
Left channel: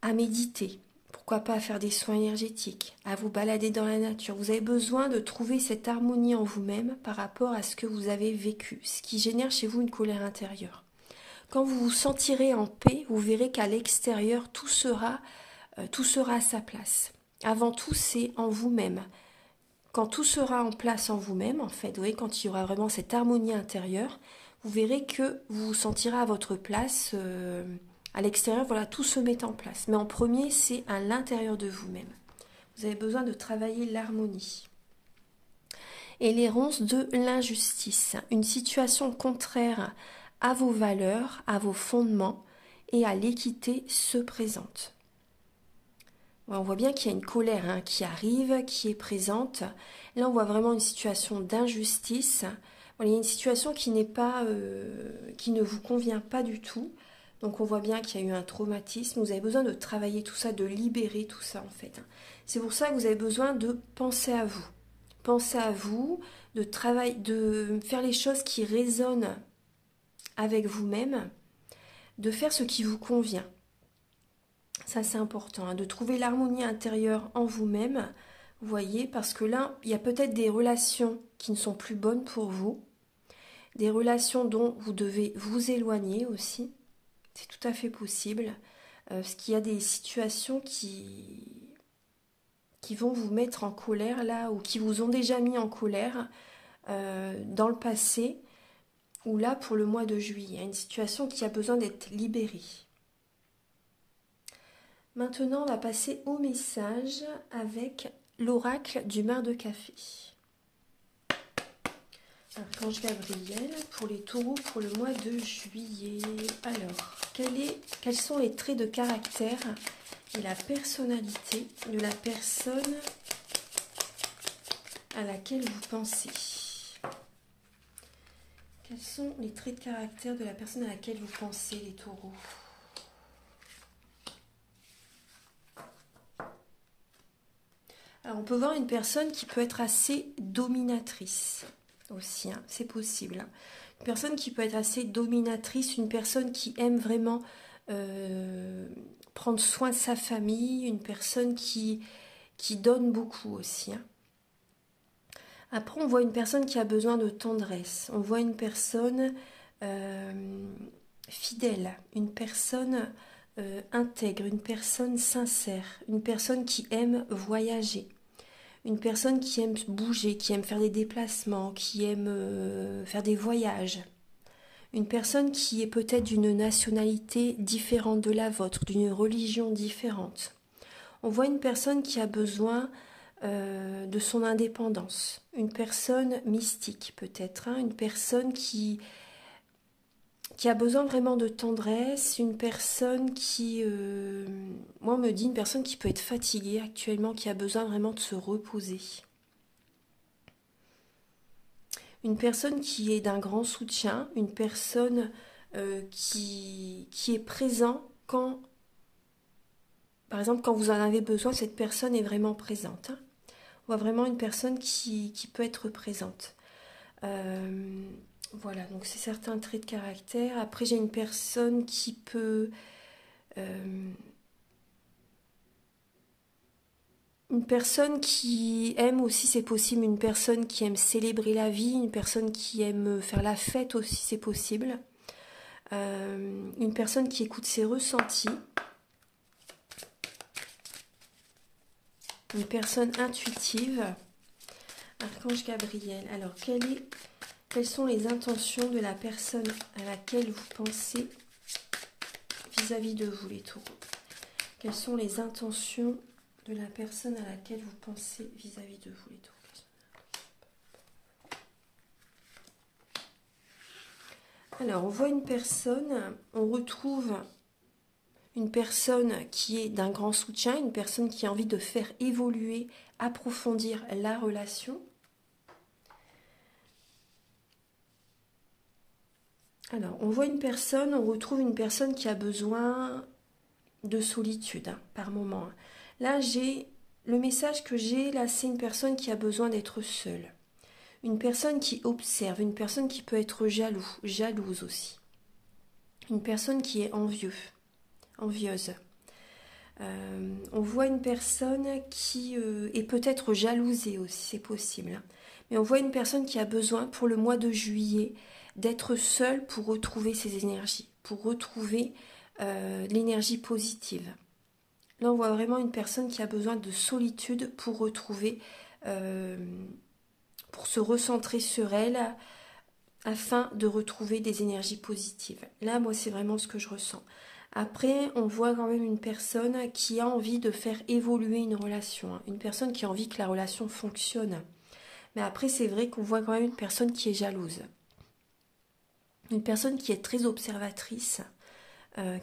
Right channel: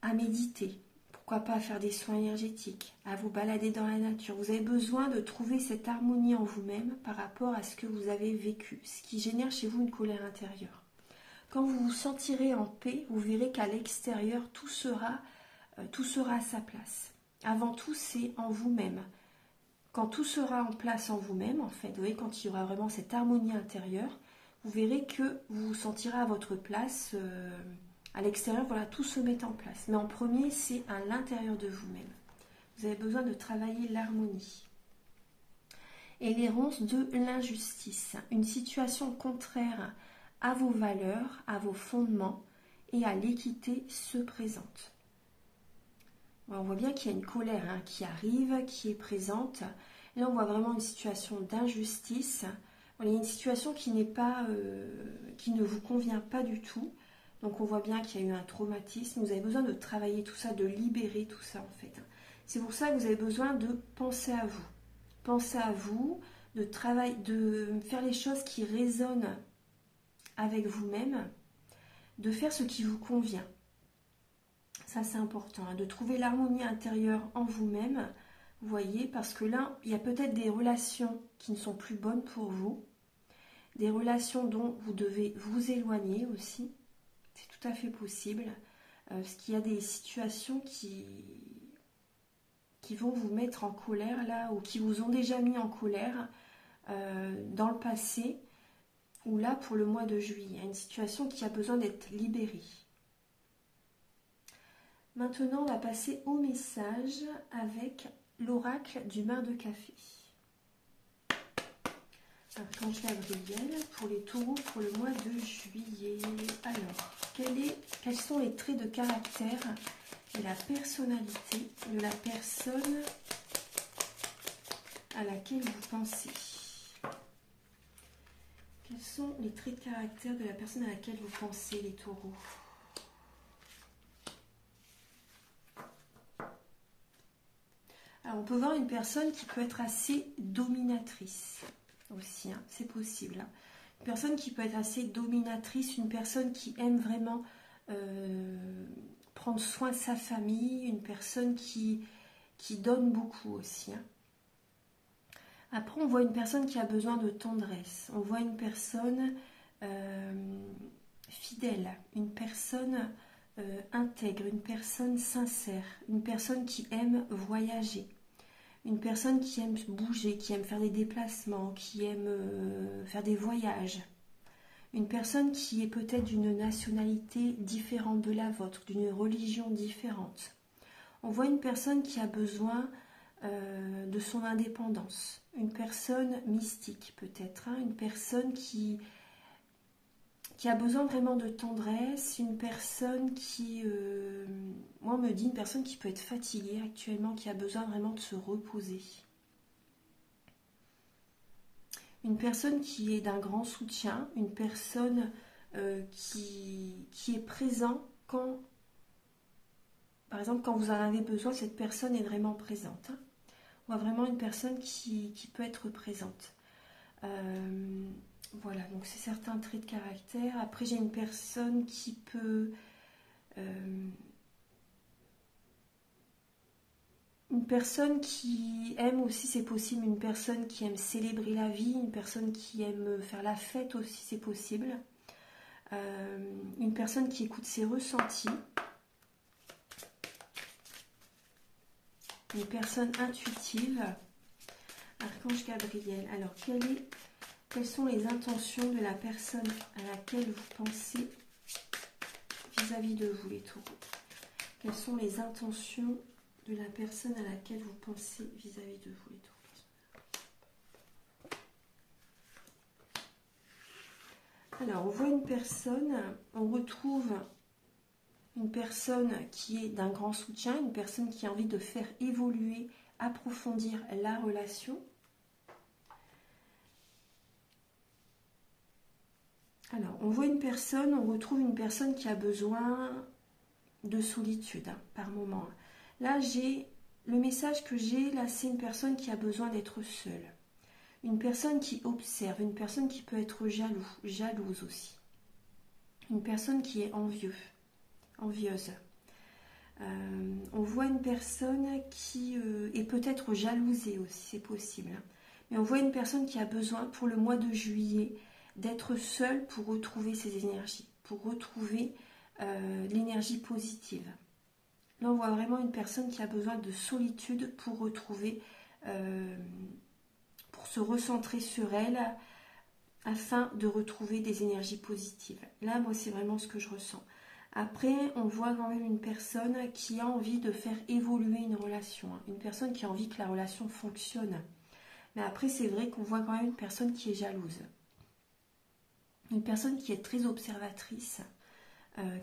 à méditer, pourquoi pas faire des soins énergétiques, à vous balader dans la nature. Vous avez besoin de trouver cette harmonie en vous-même par rapport à ce que vous avez vécu, ce qui génère chez vous une colère intérieure. Quand vous vous sentirez en paix, vous verrez qu'à l'extérieur, tout sera à sa place. Avant tout, c'est en vous-même. Quand tout sera en place en vous-même, en fait, vous voyez, quand il y aura vraiment cette harmonie intérieure, vous verrez que vous vous sentirez à votre place. À l'extérieur, voilà, tout se met en place. Mais en premier, c'est à l'intérieur de vous-même. Vous avez besoin de travailler l'harmonie. Et l'errance de l'injustice, une situation contraire à vos valeurs, à vos fondements et à l'équité se présente. On voit bien qu'il y a une colère qui arrive, qui est présente. Là, on voit vraiment une situation d'injustice. Il y a une situation qui n'est pas, qui ne vous convient pas du tout. Donc, on voit bien qu'il y a eu un traumatisme. Vous avez besoin de travailler tout ça, de libérer tout ça, en fait. C'est pour ça que vous avez besoin de penser à vous. Pensez à vous, de faire les choses qui résonnent avec vous-même, de faire ce qui vous convient. Ça, c'est important, de trouver l'harmonie intérieure en vous-même, vous voyez, parce que là, il y a peut-être des relations qui ne sont plus bonnes pour vous, des relations dont vous devez vous éloigner aussi, c'est tout à fait possible, parce qu'il y a des situations qui vont vous mettre en colère, là, ou qui vous ont déjà mis en colère dans le passé, ou là, pour le mois de juillet, il y a une situation qui a besoin d'être libérée. Maintenant, on va passer au message avec l'oracle du mar de café. Archange Gabriel pour les taureaux pour le mois de juillet. Alors, quels sont les traits de caractère et la personnalité de la personne à laquelle vous pensez? Quels sont les traits de caractère de la personne à laquelle vous pensez, les taureaux? Alors, on peut voir une personne qui peut être assez dominatrice aussi, c'est possible. Une personne qui peut être assez dominatrice, une personne qui aime vraiment prendre soin de sa famille, une personne qui donne beaucoup aussi. Après, on voit une personne qui a besoin de tendresse, on voit une personne fidèle, une personne intègre, une personne sincère, une personne qui aime voyager. Une personne qui aime bouger, qui aime faire des déplacements, qui aime faire des voyages. Une personne qui est peut-être d'une nationalité différente de la vôtre, d'une religion différente. On voit une personne qui a besoin de son indépendance. Une personne mystique peut-être, une personne qui a besoin vraiment de tendresse, une personne qui, moi on me dit une personne qui peut être fatiguée actuellement, qui a besoin vraiment de se reposer. Une personne qui est d'un grand soutien, une personne qui est présent quand, par exemple, quand vous en avez besoin, cette personne est vraiment présente. On voit vraiment une personne qui peut être présente. Voilà, donc c'est certains traits de caractère. Après, j'ai une personne qui peut... une personne qui aime aussi, c'est possible. Une personne qui aime célébrer la vie. Une personne qui aime faire la fête aussi, c'est possible. Une personne qui écoute ses ressentis. Une personne intuitive. Archange Gabriel. Alors, quelles sont les intentions de la personne à laquelle vous pensez vis-à-vis de vous, les taureaux? Quelles sont les intentions de la personne à laquelle vous pensez vis-à-vis de vous, les taureaux? Alors, on voit une personne, on retrouve une personne qui est d'un grand soutien, une personne qui a envie de faire évoluer, approfondir la relation. Alors, on voit une personne, on retrouve une personne qui a besoin de solitude par moment. Là, le message que j'ai, là, c'est une personne qui a besoin d'être seule. Une personne qui observe, une personne qui peut être jalouse aussi. Une personne qui est envieuse. On voit une personne qui est peut-être jalousée aussi, c'est possible. Hein. Mais on voit une personne qui a besoin, pour le mois de juillet, d'être seule pour retrouver ses énergies, pour retrouver l'énergie positive. Là, on voit vraiment une personne qui a besoin de solitude pour retrouver, pour se recentrer sur elle, afin de retrouver des énergies positives. Là, moi, c'est vraiment ce que je ressens. Après, on voit quand même une personne qui a envie de faire évoluer une relation, hein. Une personne qui a envie que la relation fonctionne. Mais après, c'est vrai qu'on voit quand même une personne qui est jalouse. Une personne qui est très observatrice,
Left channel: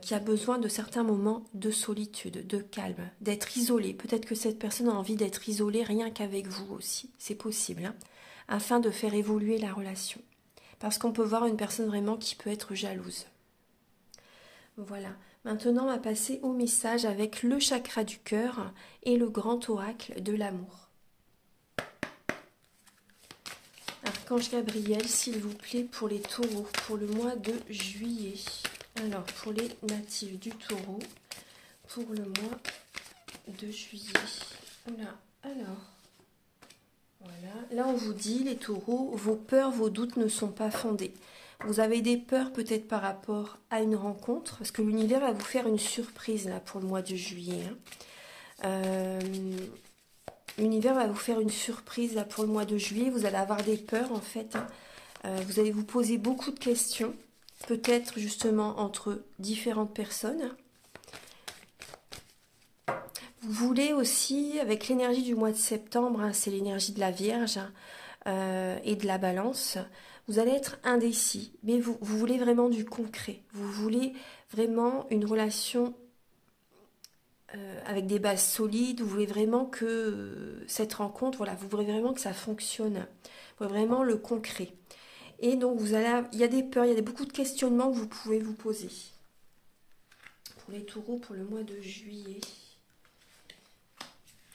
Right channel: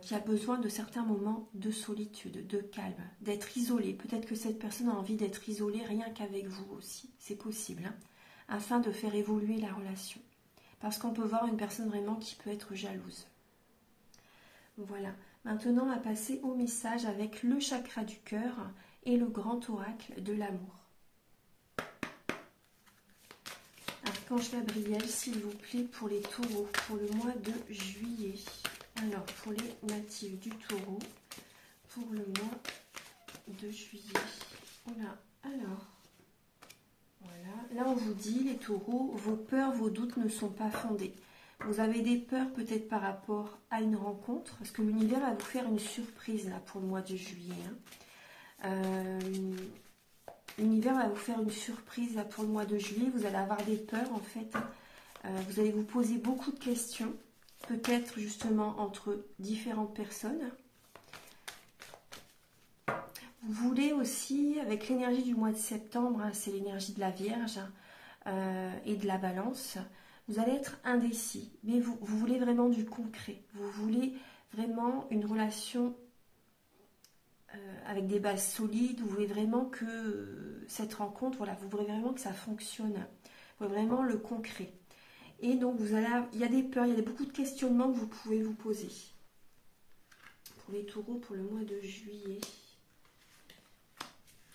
qui a besoin de certains moments de solitude, de calme, d'être isolée. Peut-être que cette personne a envie d'être isolée rien qu'avec vous aussi, c'est possible, hein, afin de faire évoluer la relation. Parce qu'on peut voir une personne vraiment qui peut être jalouse. Voilà, maintenant on va passer au message avec le chakra du cœur et le grand oracle de l'amour. Archange Gabriel, s'il vous plaît, pour les taureaux, pour le mois de juillet. Alors, pour les natifs du taureau, pour le mois de juillet. Voilà, alors, voilà. Là, on vous dit, les taureaux, vos peurs, vos doutes ne sont pas fondés. Vous avez des peurs peut-être par rapport à une rencontre, parce que l'univers va vous faire une surprise là, pour le mois de juillet. Hein. L'univers va vous faire une surprise là, pour le mois de juillet. Vous allez avoir des peurs en fait. Hein. Vous allez vous poser beaucoup de questions. Peut-être justement entre différentes personnes. Vous voulez aussi, avec l'énergie du mois de septembre, hein, c'est l'énergie de la Vierge et de la Balance, vous allez être indécis, mais vous voulez vraiment du concret. Vous voulez vraiment une relation avec des bases solides. Vous voulez vraiment que cette rencontre, voilà, vous voulez vraiment que ça fonctionne. Vous voulez vraiment le concret. Et donc, il y a des peurs, il y a beaucoup de questionnements que vous pouvez vous poser. Pour les taureaux, pour le mois de juillet.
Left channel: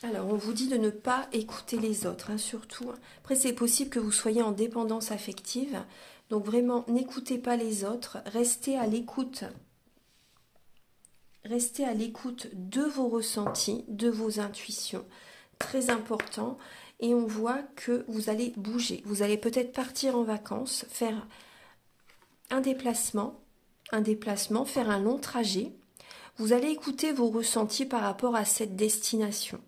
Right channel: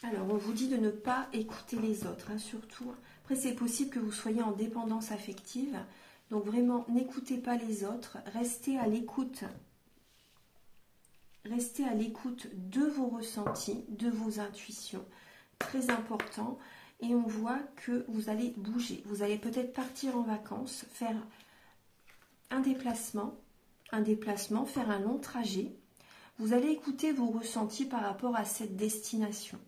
Alors, on vous dit de ne pas écouter les autres, hein, surtout. Après, c'est possible que vous soyez en dépendance affective. Donc, vraiment, n'écoutez pas les autres. Restez à l'écoute. Restez à l'écoute de vos ressentis, de vos intuitions. Très important. Et on voit que vous allez bouger. Vous allez peut-être partir en vacances, faire un déplacement, faire un long trajet. Vous allez écouter vos ressentis par rapport à cette destination.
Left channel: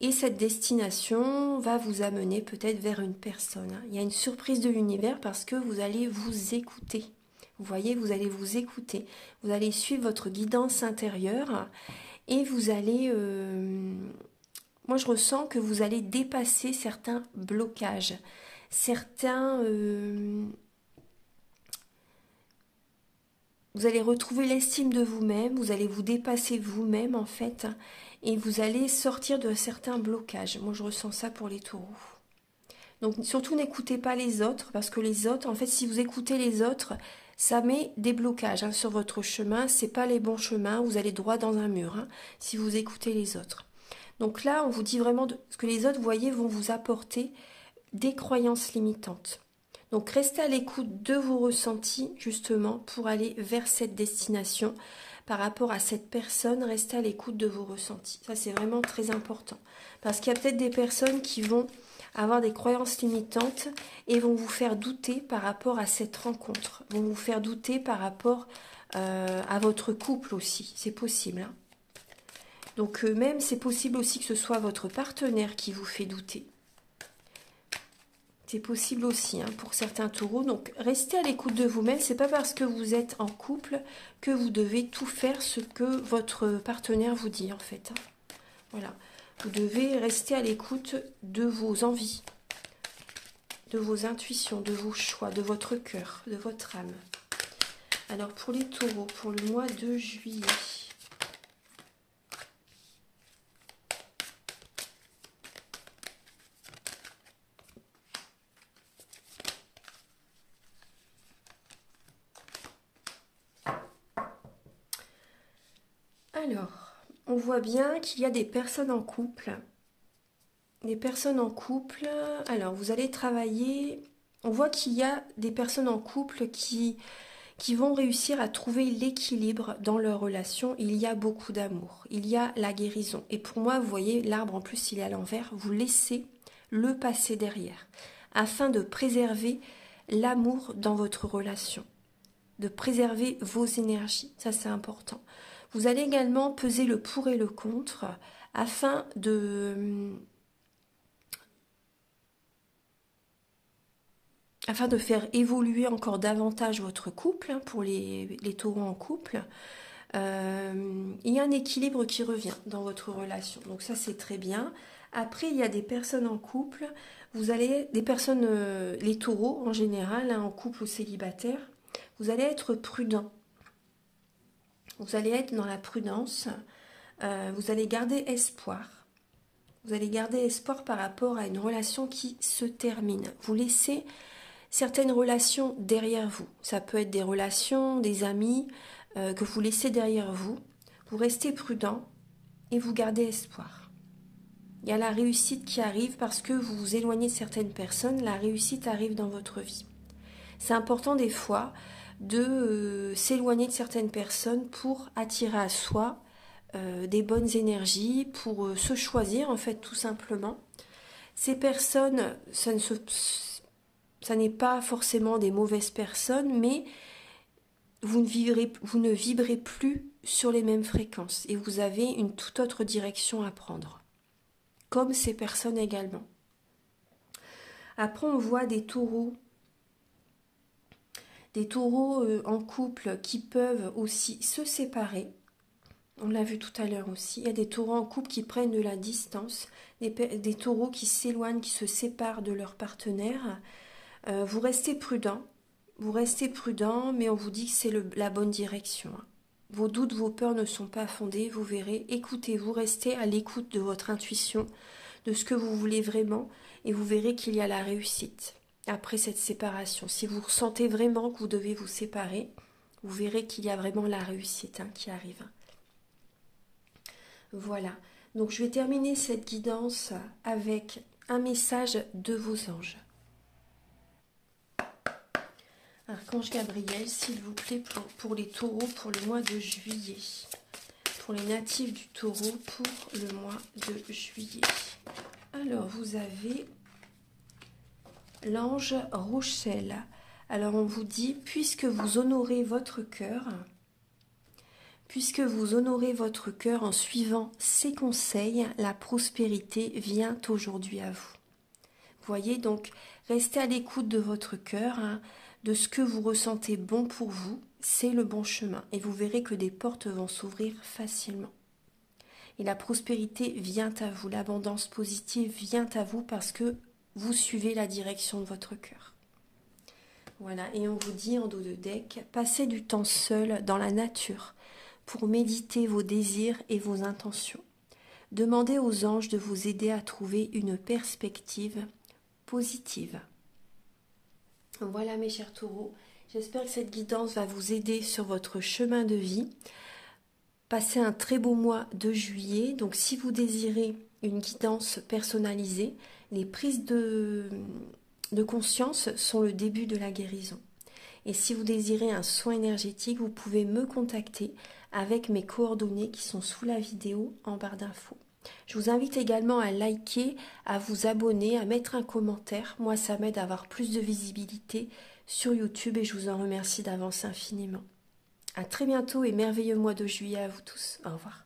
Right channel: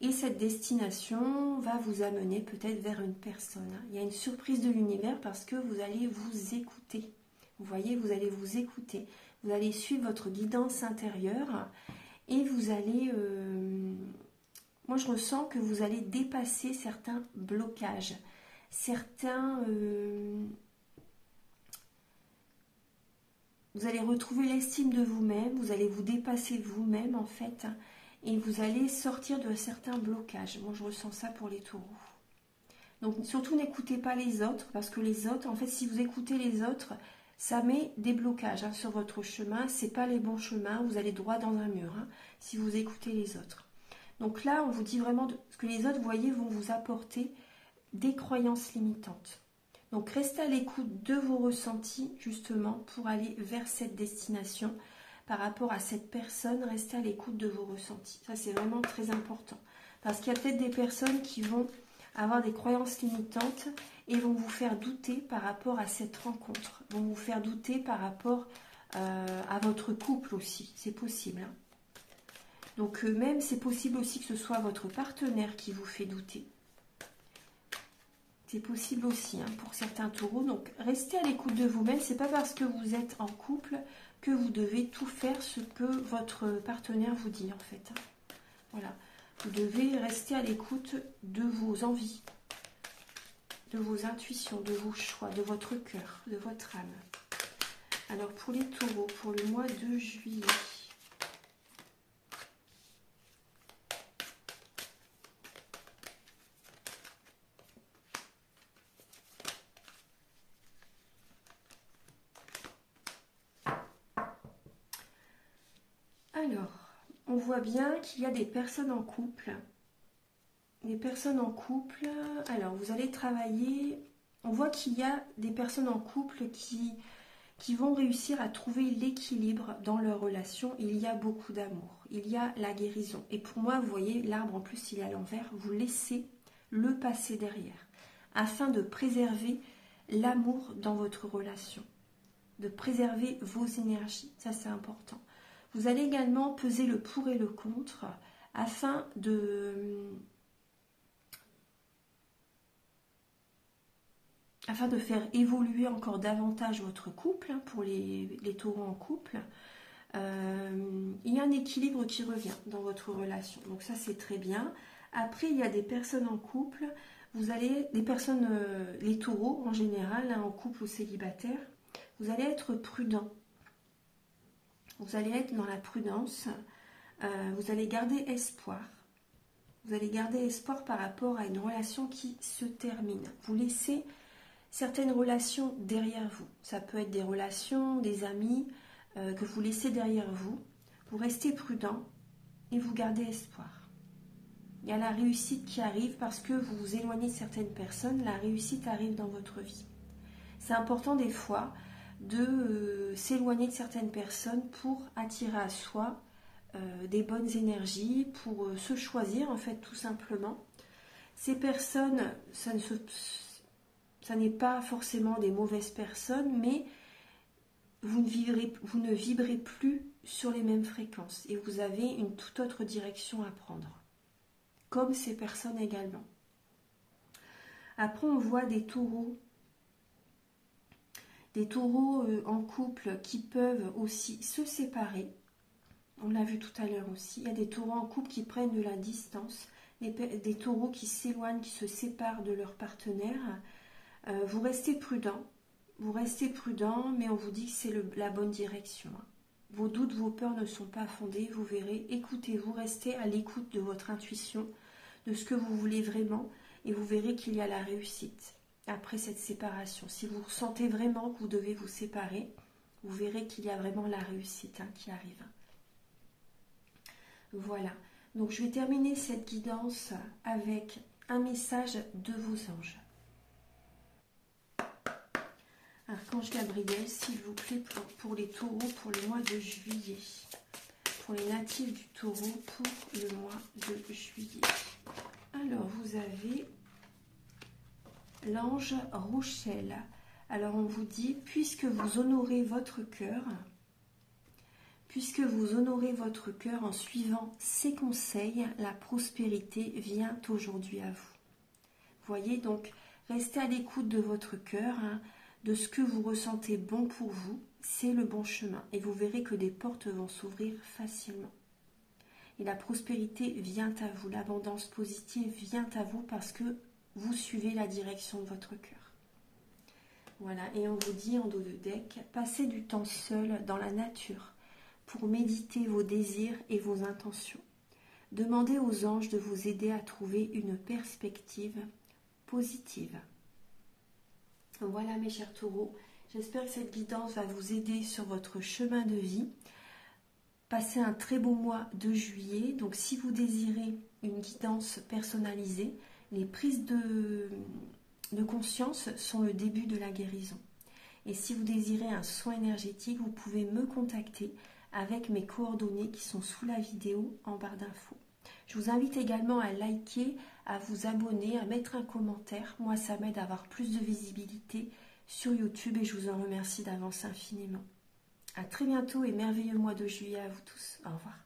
Et cette destination va vous amener peut-être vers une personne. Il y a une surprise de l'univers parce que vous allez vous écouter. Vous voyez, vous allez vous écouter. Vous allez suivre votre guidance intérieure et vous allez... moi, je ressens que vous allez dépasser certains blocages, vous allez retrouver l'estime de vous-même, vous allez vous dépasser vous-même en fait, et vous allez sortir de certains blocages. Moi, je ressens ça pour les taureaux. Donc, surtout, n'écoutez pas les autres, parce que les autres, en fait, si vous écoutez les autres, ça met des blocages hein, sur votre chemin. C'est pas les bons chemins, vous allez droit dans un mur hein, si vous écoutez les autres. Donc là, on vous dit vraiment ce que les autres, vous voyez, vont vous apporter des croyances limitantes. Donc restez à l'écoute de vos ressentis, justement, pour aller vers cette destination. Par rapport à cette personne, restez à l'écoute de vos ressentis. Ça, c'est vraiment très important. Parce qu'il y a peut-être des personnes qui vont avoir des croyances limitantes et vont vous faire douter par rapport à cette rencontre. Vont vous faire douter par rapport à votre couple aussi. C'est possible, hein. Donc même c'est possible aussi que ce soit votre partenaire qui vous fait douter. C'est possible aussi hein, pour certains taureaux. Donc, restez à l'écoute de vous-même. C'est pas parce que vous êtes en couple que vous devez tout faire ce que votre partenaire vous dit, en fait. Hein. Voilà. Vous devez rester à l'écoute de vos envies, de vos intuitions, de vos choix, de votre cœur, de votre âme. Alors, pour les taureaux, pour le mois de juillet... Alors, on voit bien qu'il y a des personnes en couple. Des personnes en couple. Alors, vous allez travailler. On voit qu'il y a des personnes en couple qui vont réussir à trouver l'équilibre dans leur relation. Il y a beaucoup d'amour. Il y a la guérison. Et pour moi, vous voyez, l'arbre en plus, il est à l'envers. Vous laissez le passé derrière afin de préserver l'amour dans votre relation. De préserver vos énergies. Ça, c'est important. Vous allez également peser le pour et le contre afin de faire évoluer encore davantage votre couple, hein, pour les taureaux en couple. Il y a un équilibre qui revient dans votre relation. Donc ça, c'est très bien. Après, il y a des personnes en couple. Vous allez, des personnes, les taureaux en général, hein, en couple ou célibataire, vous allez être prudent. Vous allez être dans la prudence, vous allez garder espoir. Vous allez garder espoir par rapport à une relation qui se termine. Vous laissez certaines relations derrière vous. Ça peut être des relations, des amis que vous laissez derrière vous. Vous restez prudent et vous gardez espoir. Il y a la réussite qui arrive parce que vous vous éloignez de certaines personnes. La réussite arrive dans votre vie. C'est important des fois de s'éloigner de certaines personnes pour attirer à soi des bonnes énergies, pour se choisir en fait tout simplement. Ces personnes, ça n'est pas forcément des mauvaises personnes, mais vous ne vibrez plus sur les mêmes fréquences et vous avez une toute autre direction à prendre, comme ces personnes également. Après, on voit des taureaux en couple qui peuvent aussi se séparer. On l'a vu tout à l'heure aussi. Il y a des taureaux en couple qui prennent de la distance, des taureaux qui s'éloignent, qui se séparent de leur partenaire. Vous restez prudent, mais on vous dit que c'est la bonne direction. Vos doutes, vos peurs ne sont pas fondés, vous verrez. Écoutez-vous, restez à l'écoute de votre intuition, de ce que vous voulez vraiment, et vous verrez qu'il y a la réussite. Après cette séparation, si vous ressentez vraiment que vous devez vous séparer, vous verrez qu'il y a vraiment la réussite qui arrive. Voilà, donc je vais terminer cette guidance avec un message de vos anges. Archange Gabriel, s'il vous plaît, pour les taureaux pour le mois de juillet. Pour les natifs du taureau pour le mois de juillet. Alors, vous avez l'ange Rochelle. Alors on vous dit, puisque vous honorez votre cœur en suivant ces conseils, la prospérité vient aujourd'hui à vous. Vous voyez, donc restez à l'écoute de votre cœur, de ce que vous ressentez bon pour vous, c'est le bon chemin. Et vous verrez que des portes vont s'ouvrir facilement. Et la prospérité vient à vous, l'abondance positive vient à vous parce que vous suivez la direction de votre cœur. Voilà, et on vous dit en dos de deck, passez du temps seul dans la nature pour méditer vos désirs et vos intentions. Demandez aux anges de vous aider à trouver une perspective positive. Voilà mes chers taureaux, j'espère que cette guidance va vous aider sur votre chemin de vie. Passez un très beau mois de juillet, donc si vous désirez une guidance personnalisée, les prises de conscience sont le début de la guérison. Et si vous désirez un soin énergétique, vous pouvez me contacter avec mes coordonnées qui sont sous la vidéo en barre d'infos. Je vous invite également à liker, à vous abonner, à mettre un commentaire. Moi, ça m'aide à avoir plus de visibilité sur YouTube et je vous en remercie d'avance infiniment. À très bientôt et merveilleux mois de juillet à vous tous. Au revoir.